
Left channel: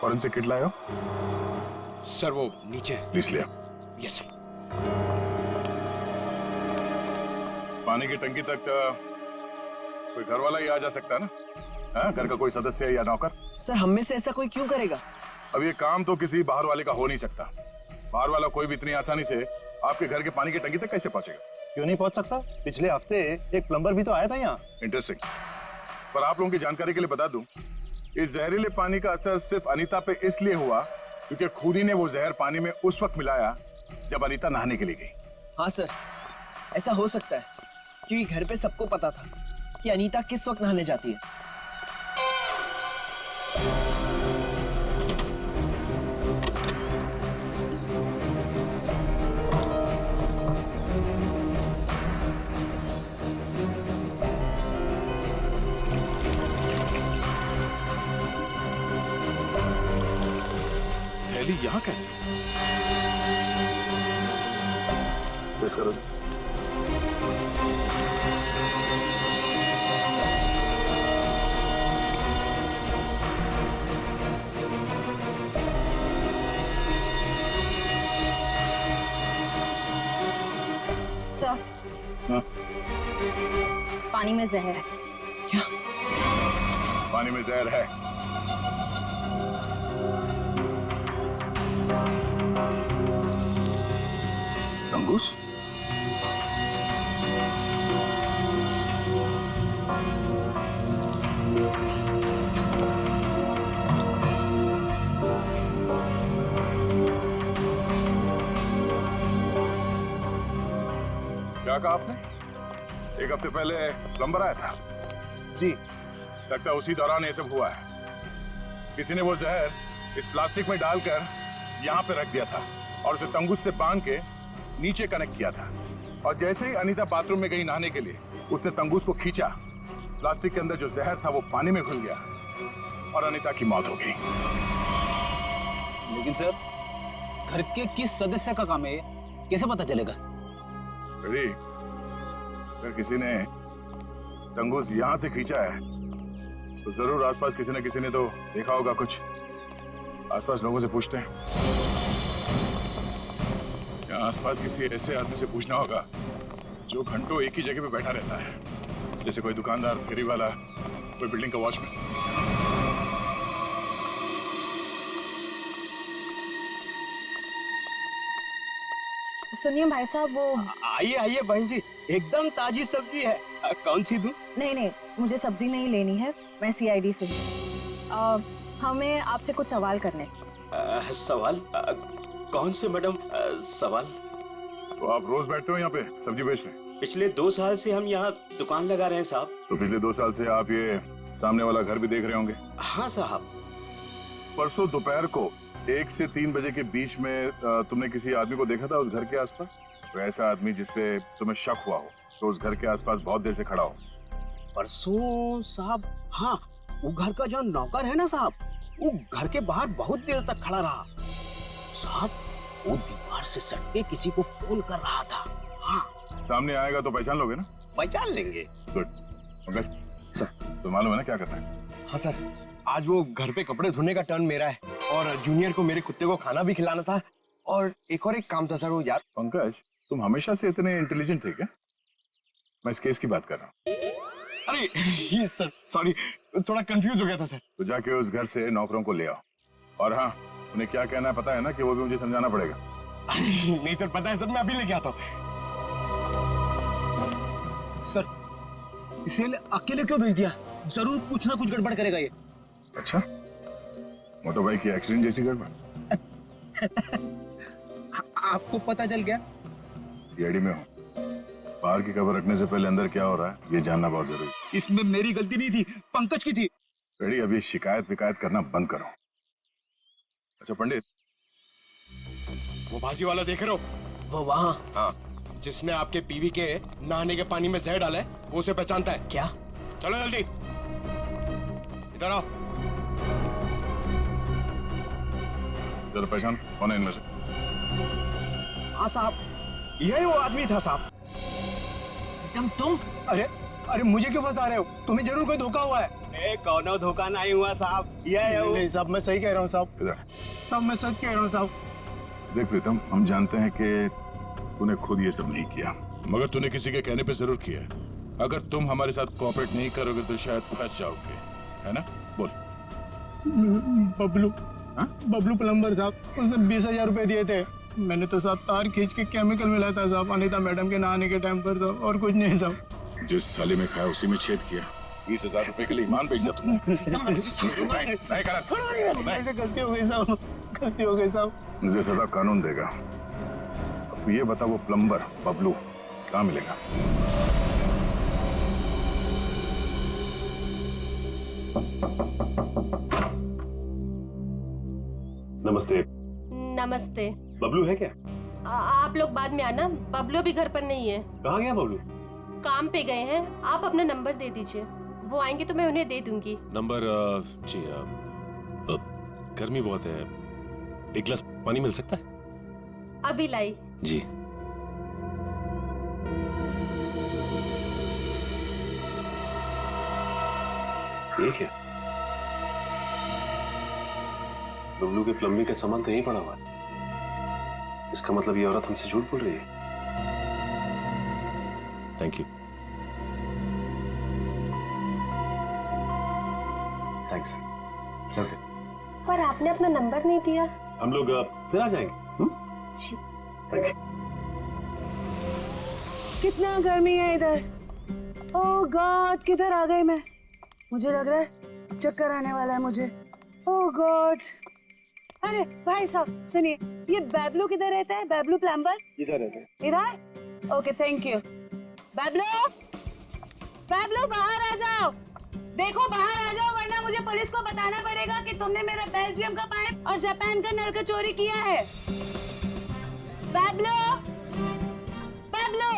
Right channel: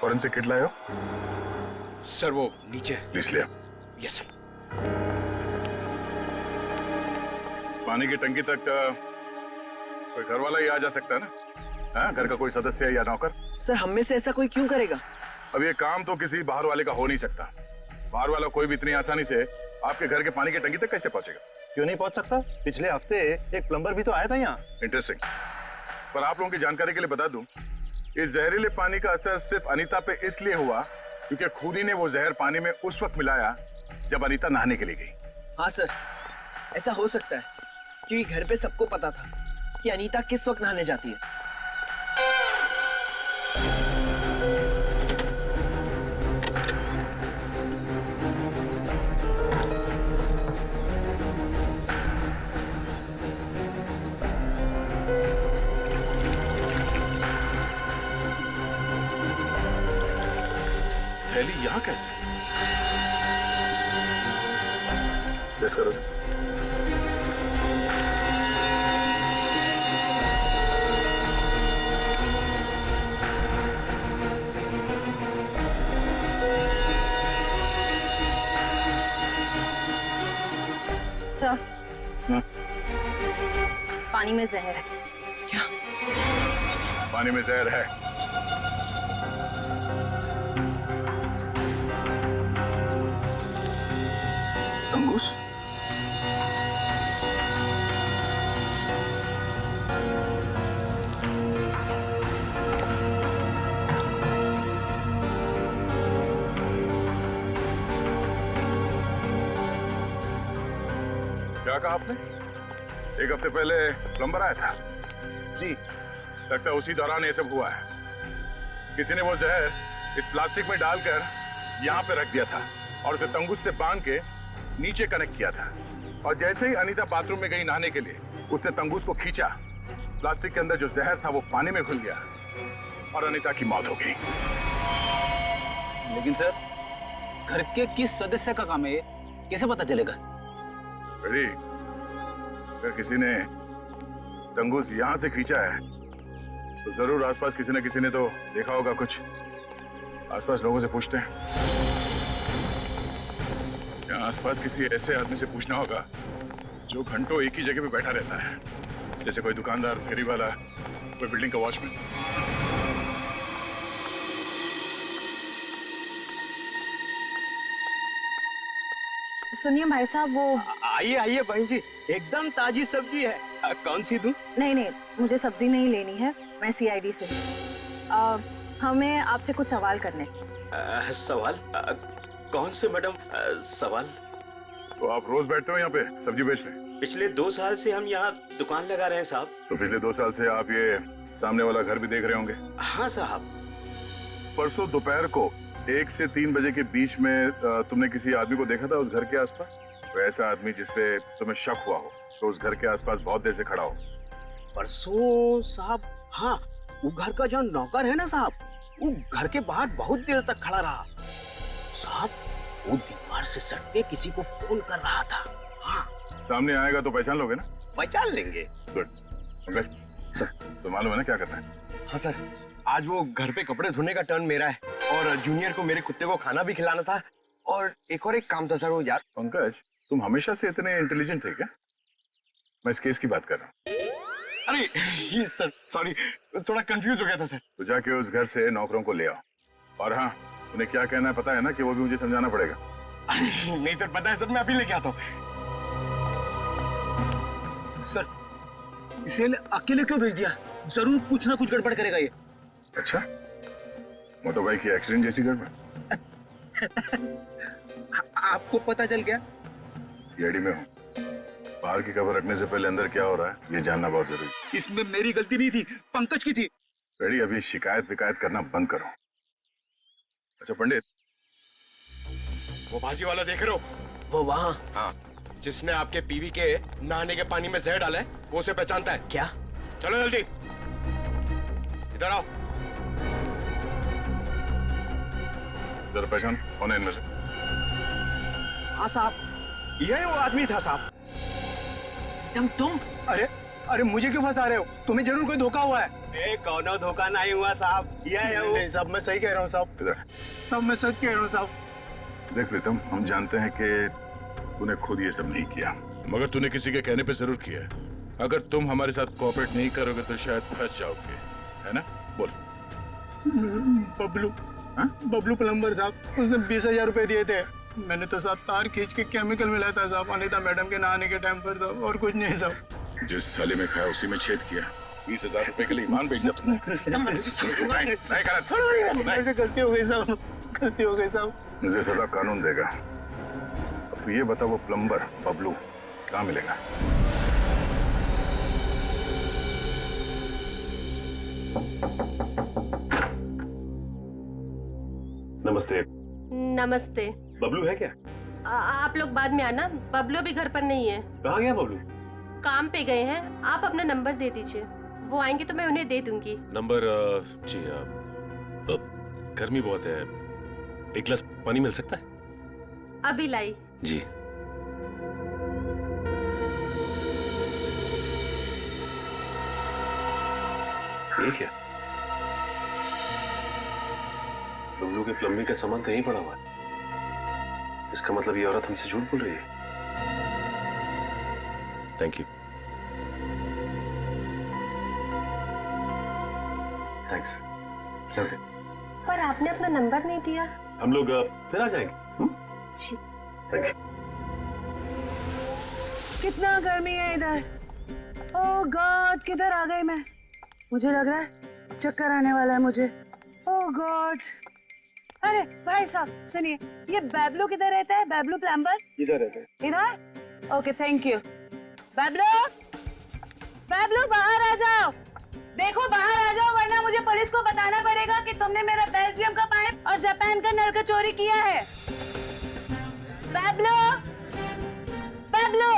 फॉरेंसिक किट लाए हो? सर वो नीचे। प्लीज लिया। Yes sir. इस पानी की टंकी तक कोई घर वाला ही आ जा सकता है ना? हाँ, घर का कोई सदस्य या नौकर? सर हम में से ऐसा कोई क्यों करेगा? अब ये काम तो किसी बाहर वाले का हो नहीं सकता। बाहर वाला कोई भी इतनी आसानी से आपके घर के पानी की टंकी तक कैसे पहुंचेगा? क्यों नहीं पहुंच सकता? पिछले हफ्ते एक प्लम्बर भी तो आया था यहाँ। इंटरेस्टिंग। पर आप लोगों की जानकारी के लिए बता दूं, इस जहरीले पानी का असर सिर्फ अनीता पे इसलिए हुआ क्योंकि खूनी ने वो जहर पानी में उस वक्त मिलाया जब अनीता नहाने के लिए गई। हाँ सर, ऐसा हो सकता है क्योंकि घर पे सबको पता था कि अनीता किस वक्त नहाने जाती है। थैली यहाँ कैसे? टेस्ट करो सर। सर हाँ? पानी में जहर है। क्या? पानी में जहर है? तंगूस? क्या कहा आपने? एक हफ्ते पहले प्लम्बर आया था? जी। लगता है उसी दौरान ये सब हुआ है। किसी ने वो जहर इस प्लास्टिक में डालकर यहाँ पे रख दिया था और उसे तंगूस से बांध के नीचे कनेक्ट किया था। और जैसे ही अनीता बाथरूम में गई नहाने के लिए, उसने तंगूस को खींचा। प्लास्टिक के अंदर जो जहर था वो पानी में घुल गया और अनीता की मौत हो गई। लेकिन सर, घर के किस सदस्य का काम है ये? कैसे पता चलेगा? बेटी, अगर किसी ने तंगूस यहां से खींचा है तो जरूर आसपास किसी न किसी ने तो देखा होगा कुछ। आसपास लोगों से पूछते हैं। या आसपास किसी ऐसे आदमी से पूछना होगा जो घंटों एक ही जगह पे बैठा रहता है, जैसे कोई दुकानदार, फेरी वाला, कोई बिल्डिंग का वॉचमैन। सुनिए भाई साहब, वो आइए आइए बहन जी, एकदम ताजी सब्जी है। कौन सी दूं? नहीं, मुझे सब्जी नहीं लेनी है, मैं सीआईडी से हूँ। हमें आपसे कुछ सवाल करने। सवाल? कौन से मैडम सवाल? तो आप रोज बैठते हो यहाँ पे सब्जी बेचने? पिछले 2 साल से हम यहाँ दुकान लगा रहे हैं साहब। तो पिछले 2 साल से आप ये सामने वाला घर भी देख रहे होंगे? हाँ साहब। परसों दोपहर को 1 से 3 बजे के बीच में तुमने किसी आदमी को देखा था उस घर के आसपास? तो ऐसा आदमी जिसपे तुम्हें शक हुआ हो, तो उस घर के आसपास बहुत देर से खड़ा हो। परसों साहब, हाँ, वो घर का जो नौकर है ना साहब, वो घर के बाहर बहुत देर तक खड़ा रहा साहब। वो दीवार से सट के किसी को फोन कर रहा था। हाँ, सामने आएगा तो पहचान लोगे ना? पहचान लेंगे। गुड। पंकज सर, तो मालूम है ना क्या करना है? हाँ सर, आज वो घर पे कपड़े धोने का टर्न मेरा है और जूनियर को मेरे कुत्ते को खाना भी खिलाना था और एक काम था सर वो यार। पंकज, तुम हमेशा से इतने इंटेलिजेंट थे क्या? मैं इस केस की बात कर रहा हूँ। अरे ये सर सॉरी, थोड़ा कंफ्यूज हो गया था सर। तो जाके उस घर से नौकरों को ले आओ। और हाँ, उन्हें क्या कहना है पता है ना, कि वो भी मुझे समझाना पड़ेगा। नहीं सर, पता है सर, मैं अभी लेके आता हूँ। सर, इसे अकेले क्यों भेज दिया? जरूर कुछ ना कुछ गड़बड़ करेगा ये। अच्छा, मोटर बाइक की एक्सीडेंट जैसी गड़बड़? आपको पता चल गया? सीआईडी में हूँ, बाहर की खबर रखने से पहले अंदर क्या हो रहा है ये जानना बहुत जरूरी। इसमें मेरी गलती नहीं थी, पंकज की थी। रेडी, अभी शिकायत विकायत करना बंद करो। अच्छा पंडित, वो भाजी वाला देख रहे हो? वो वहाँ? हाँ, जिसने आपके पीवी के नहाने के पानी में जहर डाला है, वो उसे पहचानता है क्या? चलो जल्दी इधर आओ। जरा पहचान कौन है इनमें से? हाँ साहब, यही वो आदमी था साहब। तुम? अरे मुझे क्यों फंसा रहे हो? तुम्हें जरूर कोई धोखा हुआ है। कौनो धोखा नहीं हुआ साहब, ये है वो। नहीं साहब, मैं सही कह रहा हूँ साहब। इधर साहब, मैं सच कह रहा हूँ साहब। देख प्रीतम, हम जानते हैं कि तूने खुद ये सब नहीं किया, मगर तूने किसी के कहने पे जरूर किया है। अगर तुम हमारे साथ कोऑपरेट नहीं करोगे तो शायद फंस जाओगे, है ना? बोल। बबलू प्लम्बर साहब, उसने 20,000 रुपए दिए थे। मैंने तो साहब तार खींच के केमिकल मिलाया था साहब, अनीता मैडम के नहाने के टाइम पर साहब, और कुछ नहीं साहब। जिस थाली में खाया उसी में छेद किया। 20,000 रुपए के लिए ईमान बेच दिया तुमने। गलती हो गई साहब, गलती हो गई साहब। मुझे सजा कानून देगा। अब तू ये बता, वो प्लम्बर बबलू कहाँ मिलेगा? नमस्ते। नमस्ते। बबलू है क्या? आप लोग बाद में आना, बबलू भी घर पर नहीं है। कहाँ गया बबलू? काम पे गए हैं। आप अपना नंबर दे दीजिए, वो आएंगे तो मैं उन्हें दे दूंगी। नंबर? जी, गर्मी बहुत है, एक गिलास पानी मिल सकता है? अभी लाई। जी। ये क्या? बबलू के प्लम्बिंग का सामान तो यहीं पड़ा हुआ है। इसका मतलब ये औरत हमसे झूठ बोल रही है। Thank you. थैंक्स। चलते। पर आपने अपना नंबर नहीं दिया। हम लोग फिर आ जाएंगे। जी। Thank you. कितना गर्मी है इधर। ओह गॉड, किधर आ गई मैं? मुझे लग रहा है चक्कर आने वाला है मुझे। ओह गॉड। अरे भाई साहब सुनिए, ये बैबलू किधर रहता है? बैबलू प्लम्बर इधर रहते हैं। इधर? Okay thank you. Bablu, Bablu बाहर आ जाओ। देखो बाहर आ जाओ, वरना मुझे पुलिस को बताना पड़ेगा कि तुमने मेरा बेल्जियम का पाइप और जापान का नल का चोरी किया है। बैबलू, बैबलू।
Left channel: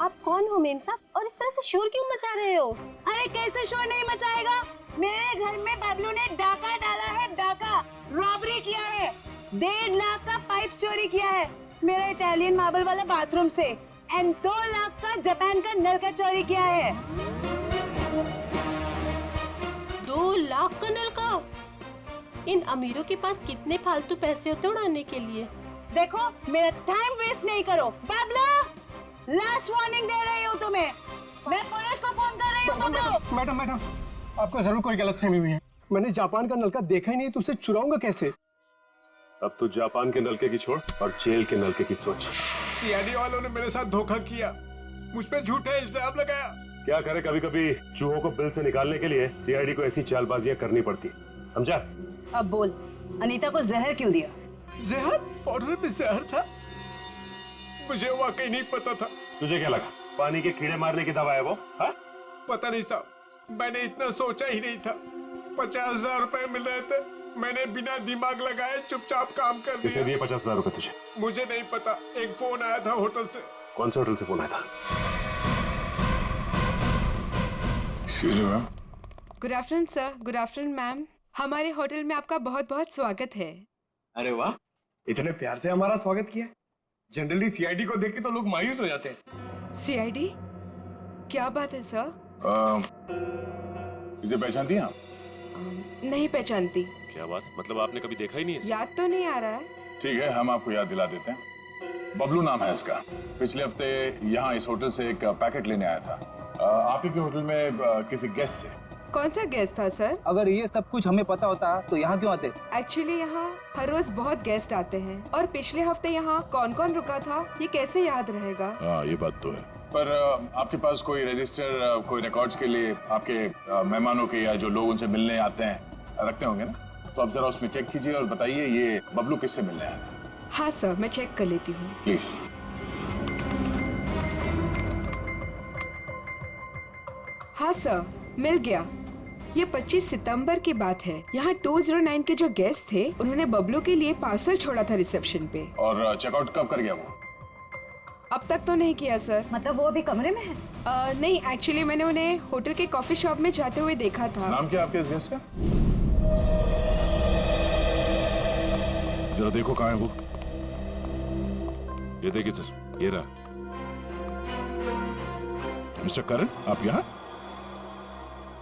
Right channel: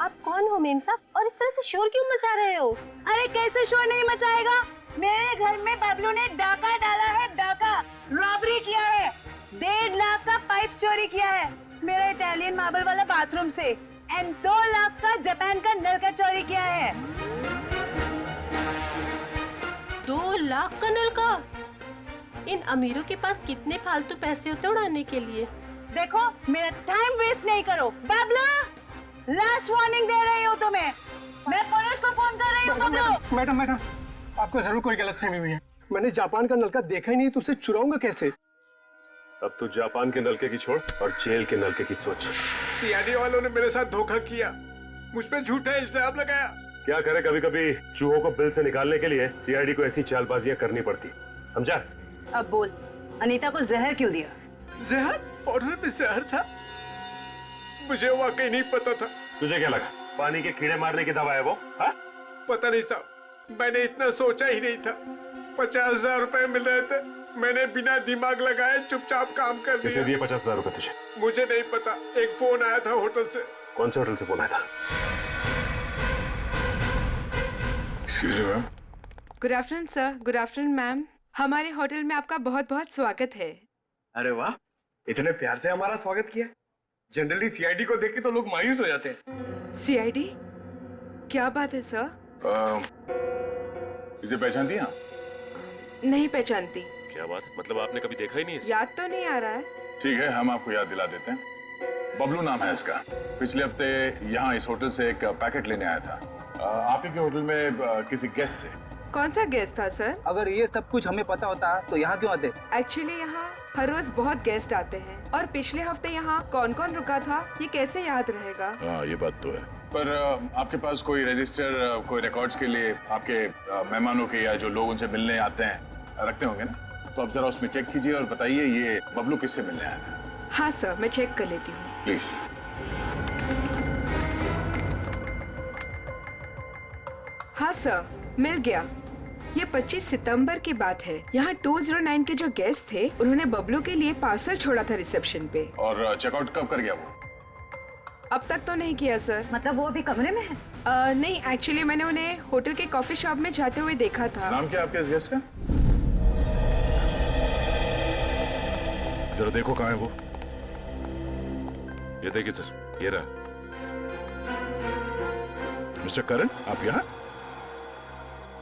आप कौन हो मेम साहब, और इस तरह से शोर क्यों मचा रहे हो? अरे कैसे शोर नहीं मचाएगा? मेरे घर में बबलू ने डाका डाला है, डाका रॉबरी किया है। 1.5 लाख का पाइप चोरी किया है मेरा इटालियन मार्बल वाला बाथरूम से, एंड 2 लाख का जापान का नल का चोरी किया है। 2 लाख का नल का? इन अमीरों के पास कितने फालतू पैसे होते उड़ाने के लिए। देखो मेरा टाइम वेस्ट नहीं करो। बबलू, लास्ट वार्निंग दे रही हूँ तुम्हें, मैं पुलिस को फोन कर रही हूँ। बबलू। मैडम, आपको जरूर कोई गलतफहमी हुई है। मैंने जापान का नलका देखा ही नहीं, तो उसे चुराऊंगा कैसे? अब तू जापान के नलके की छोड़ और जेल के नलके की सोच। सीआईडी वालों ने मेरे साथ धोखा किया, मुझ पे झूठा इल्जाम लगाया। क्या करे, कभी कभी चूहों को बिल से निकालने के लिए सीआईडी को ऐसी चालबाजियां करनी पड़ती, समझा? अब बोल, अनीता को जहर क्यों दिया? जहर? पाउडर में जहर था? मुझे वाकई नहीं पता था। तुझे क्या लगा पानी के कीड़े मारने की दवा है वो? हा? पता नहीं साहब, मैंने इतना सोचा ही नहीं था। 50,000 रुपए मिल रहे थे, मैंने बिना दिमाग लगाए चुपचाप काम कर दिया। किसने दिए 50,000 रुपए तुझे? मुझे नहीं पता, एक फोन आया था होटल से। कौन से होटल से फोन आया था? Excuse me ma'am. Good afternoon sir. Good afternoon ma'am. हमारे होटल में आपका बहुत बहुत स्वागत है। अरे वाह, इतने प्यार से हमारा स्वागत किया। जनरली सीआईडी को देख के तो लोग मायूस हो जाते हैं। सीआईडी? क्या बात है सर? इसे पहचानती हैं आप? नहीं पहचानती। क्या बात, मतलब आपने कभी देखा ही नहीं है? याद तो नहीं आ रहा है। ठीक है, हम आपको याद दिला देते हैं। बबलू नाम है इसका। पिछले हफ्ते यहाँ इस होटल से एक पैकेट लेने आया था आप ही के होटल में किसी गेस्ट से। कौन सा गेस्ट था सर? अगर ये सब कुछ हमें पता होता तो यहाँ क्यों आते? एक्चुअली यहाँ हर रोज बहुत गेस्ट आते हैं और पिछले हफ्ते यहाँ कौन कौन रुका था ये कैसे याद रहेगा? हाँ, ये बात तो है। पर आपके पास कोई रजिस्टर, कोई रिकॉर्ड्स के लिए आपके मेहमानों के या जो लोग उनसे मिलने आते हैं रखते होंगे ना? तो आप जरा उसमें चेक कीजिए और बताइए ये बबलू किससे मिलने आया था। हाँ सर, मैं चेक कर लेती हूँ। प्लीज। हाँ सर, मिल गया। ये 25 सितंबर की बात है। यहाँ 209 के जो गेस्ट थे उन्होंने बबलू के लिए पार्सल छोड़ा था रिसेप्शन पे। और चेकआउट कब कर गया वो? अब तक तो नहीं किया सर। मतलब वो अभी कमरे में है? नहीं, एक्चुअली मैंने उन्हें होटल के कॉफी शॉप में जाते हुए देखा था। नाम क्या आपके इस गेस्ट का? जरा देखो कहाँ है वो। ये देखिए सर, ये रहा। मिस्टर करण, आप यहाँ?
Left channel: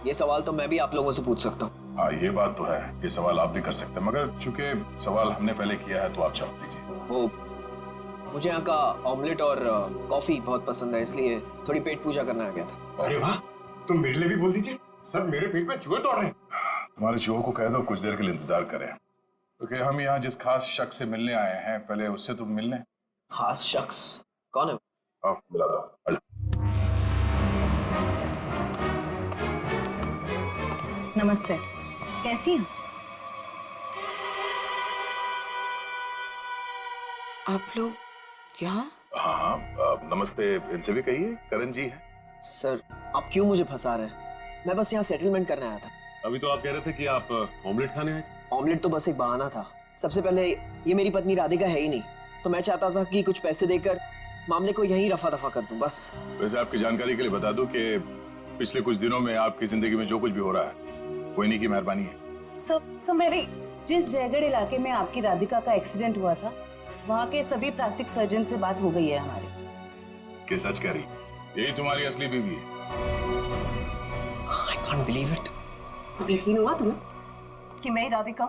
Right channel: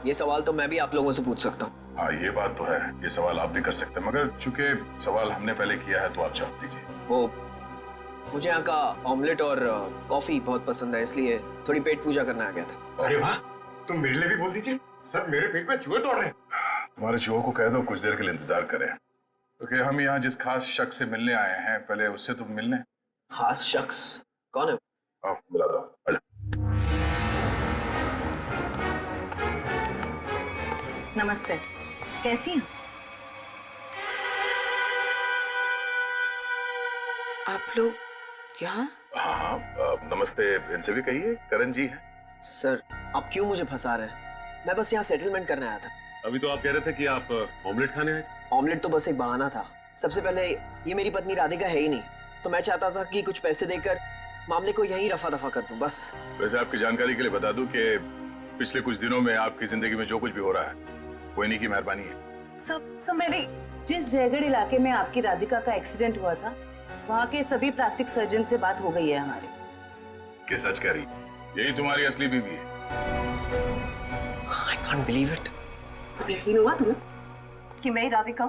ये सवाल तो मैं भी आप लोगों से पूछ सकता हूँ। हाँ, ये बात तो है, ये सवाल आप भी कर सकते हैं, मगर चूंकि सवाल हमने पहले किया है तो आप जवाब दीजिए। वो मुझे यहाँ का ऑमलेट और कॉफी बहुत पसंद है, इसलिए थोड़ी पेट पूजा करने आ गया था। अरे वाह, तुम मेरे लिए भी बोल दीजिए। सर, मेरे पेट में चूहे दौड़ रहे हैं। हमारे चूहों को कह दो कुछ देर के लिए इंतजार करें, क्योंकि हम यहाँ जिस खास शख्स से मिलने आए हैं पहले उससे तो मिलने। खास शख्स कौन है? आओ मिला दो, आजा। नमस्ते, कैसी हैं? आप लोग यहाँ? हाँ हाँ, नमस्ते इनसे भी कहिए, करण जी है। सर, आप क्यों मुझे फंसा रहे हैं? मैं बस यहाँ सेटलमेंट करने आया था। अभी तो आप कह रहे थे कि आप ऑमलेट खाने आए थे। ऑमलेट तो बस एक बहाना था। सबसे पहले ये मेरी पत्नी राधिका है ही नहीं, तो मैं चाहता था कि कुछ पैसे देकर मामले को यहीं रफा दफा कर दूं, बस। वैसे आपकी जानकारी के लिए बता दूं कि पिछले कुछ दिनों में आपकी जिंदगी में जो कुछ भी हो रहा है वो इन्हीं की मेहरबानी है। सब मेरी जिस जयगढ़ इलाके में आपकी राधिका का एक्सीडेंट हुआ था, वहाँ के सभी प्लास्टिक सर्जन से बात हो गई है हमारी। कि सच कह रही? यही तुम्हारी असली बीवी है? I can't believe it. यकीन हुआ तुम्हें कि मैं ही राधिका?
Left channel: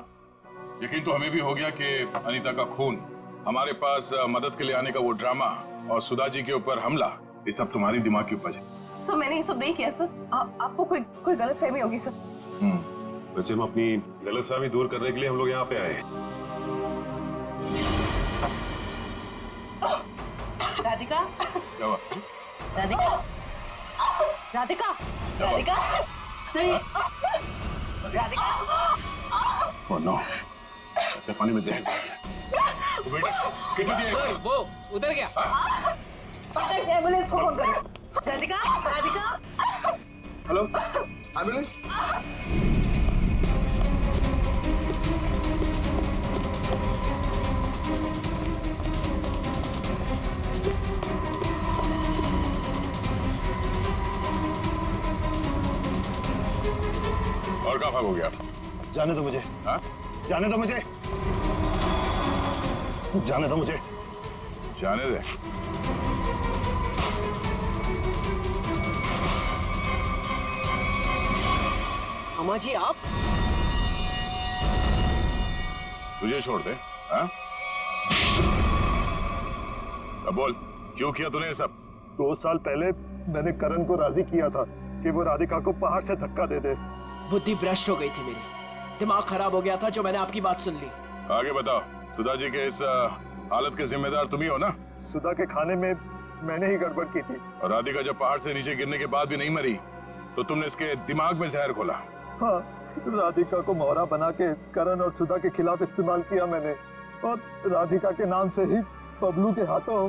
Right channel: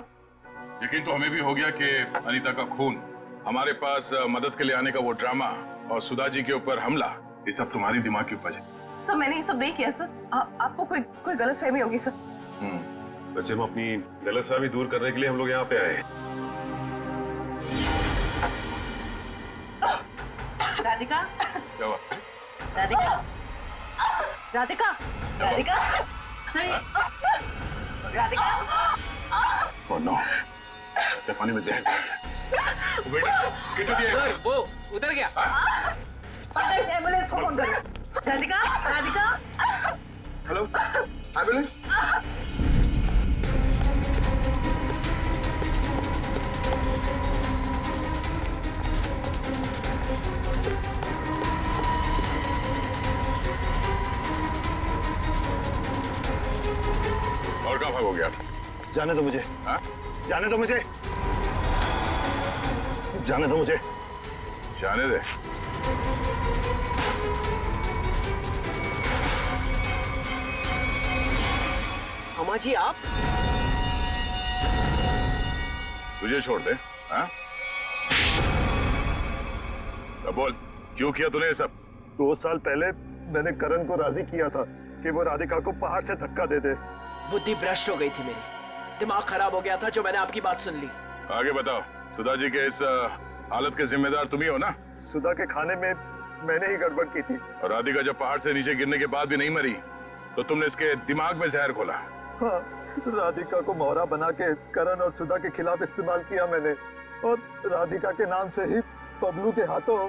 यकीन तो हमें भी हो गया कि अनीता का खून, हमारे पास मदद के लिए आने का वो ड्रामा और सुधा जी के ऊपर हमला, ये सब तुम्हारी दिमाग की उपज है। सर, मैंने ये सब नहीं किया सर। आपको कोई गलतफहमी होगी सर। वैसे हम अपनी गलतफहमी दूर करने के लिए हम लोग यहाँ पे आए हैं। राधिका, क्या हुआ? राधिका, राधिका, राधिका, सही, राधिका। ओह नो, पानी में जहर दिया गया। बेटा, किसने दिया? सर, वो उधर गया। एम्बुलेंस को फोन करो। राधिका, राधिका। Hello, ambulance. और कहाँ भागोगे आप? जाने दो मुझे। हाँ? जाने दो मुझे। जाने दो मुझे। जाने दे। अम्मा जी, आप? तुझे छोड़ दे? हाँ? अब बोल, क्यों किया तूने ये सब? 2 साल पहले मैंने करण को राजी किया था कि वो राधिका को पहाड़ से धक्का दे दे। बुद्धि भ्रष्ट हो गई थी मेरी, दिमाग खराब हो गया था जो मैंने आपकी बात सुन ली। आगे बताओ, सुधा जी के इस हालत के जिम्मेदार तुम ही हो ना? सुधा के खाने में मैंने ही गड़बड़ की थी। और राधिका जब पहाड़ से नीचे गिरने के बाद भी नहीं मरी तो तुमने इसके दिमाग में जहर घोला। हाँ, राधिका को मोहरा बना के करण और सुधा के खिलाफ इस्तेमाल किया मैंने, और राधिका के नाम से ही बबलू के हाथों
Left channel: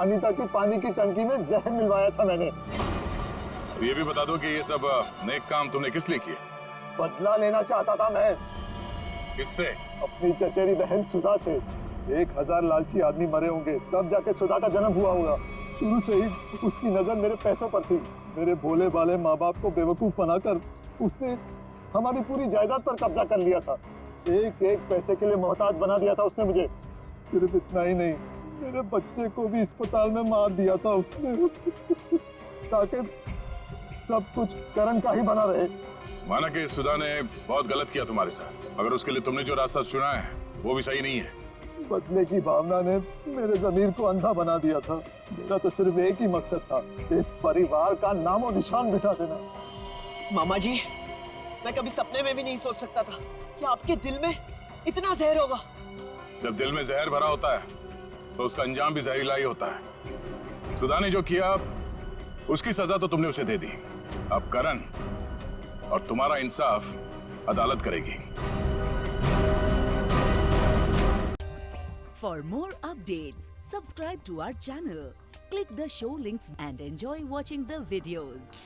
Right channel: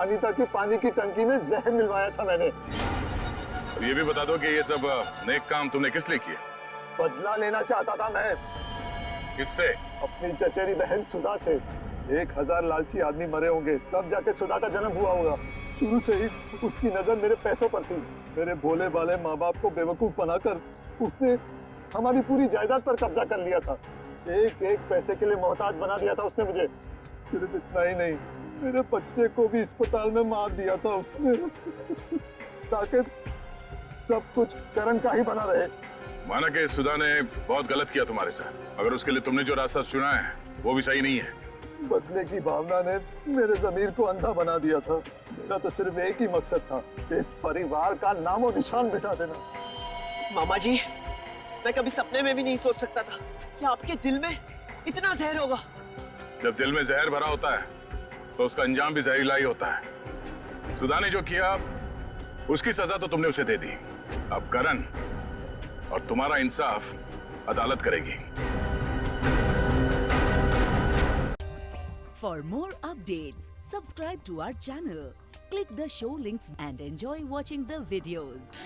अनीता की पानी की टंकी में जहर मिलवाया था मैंने। अब ये भी बता दो कि ये सब नेक काम तुमने किस लिए किए? बदला लेना चाहता था मैं। किससे? अपनी चचेरी बहन सुधा से। 1000 लालची आदमी मरे होंगे तब जाके सुधा का जन्म हुआ होगा। शुरू से ही उसकी नजर मेरे पैसों पर थी। मेरे भोले भाले माँ बाप को बेवकूफ बनाकर उसने हमारी पूरी जायदाद पर कब्जा कर लिया था। एक एक पैसे के लिए मोहताज बना दिया था उसने मुझे। सिर्फ इतना ही नहीं, मेरे बच्चे को भी अस्पताल में मार दिया था उसने ताकि सब कुछ करण का ही बना रहे। माना कि सुधा ने बहुत गलत किया तुम्हारे साथ, मगर उसके लिए तुमने जो रास्ता चुना है वो भी सही नहीं है। बदले की भावना ने मेरे जमीर को अंधा बना दिया था। मेरा तो सिर्फ एक ही मकसद था, इस परिवार का नामो निशान मिटा देना। मामा जी, मैं कभी सपने में भी नहीं सोच सकता था कि आपके दिल में इतना जहर होगा। जब दिल में जहर भरा होता है तो उसका अंजाम भी जहरीला ही होता है। सुधा ने जो किया उसकी सजा तो तुमने उसे दे दी। अब करण और तुम्हारा इंसाफ अदालत करेगी। For more updates, subscribe to our channel, click the show links and enjoy watching the videos.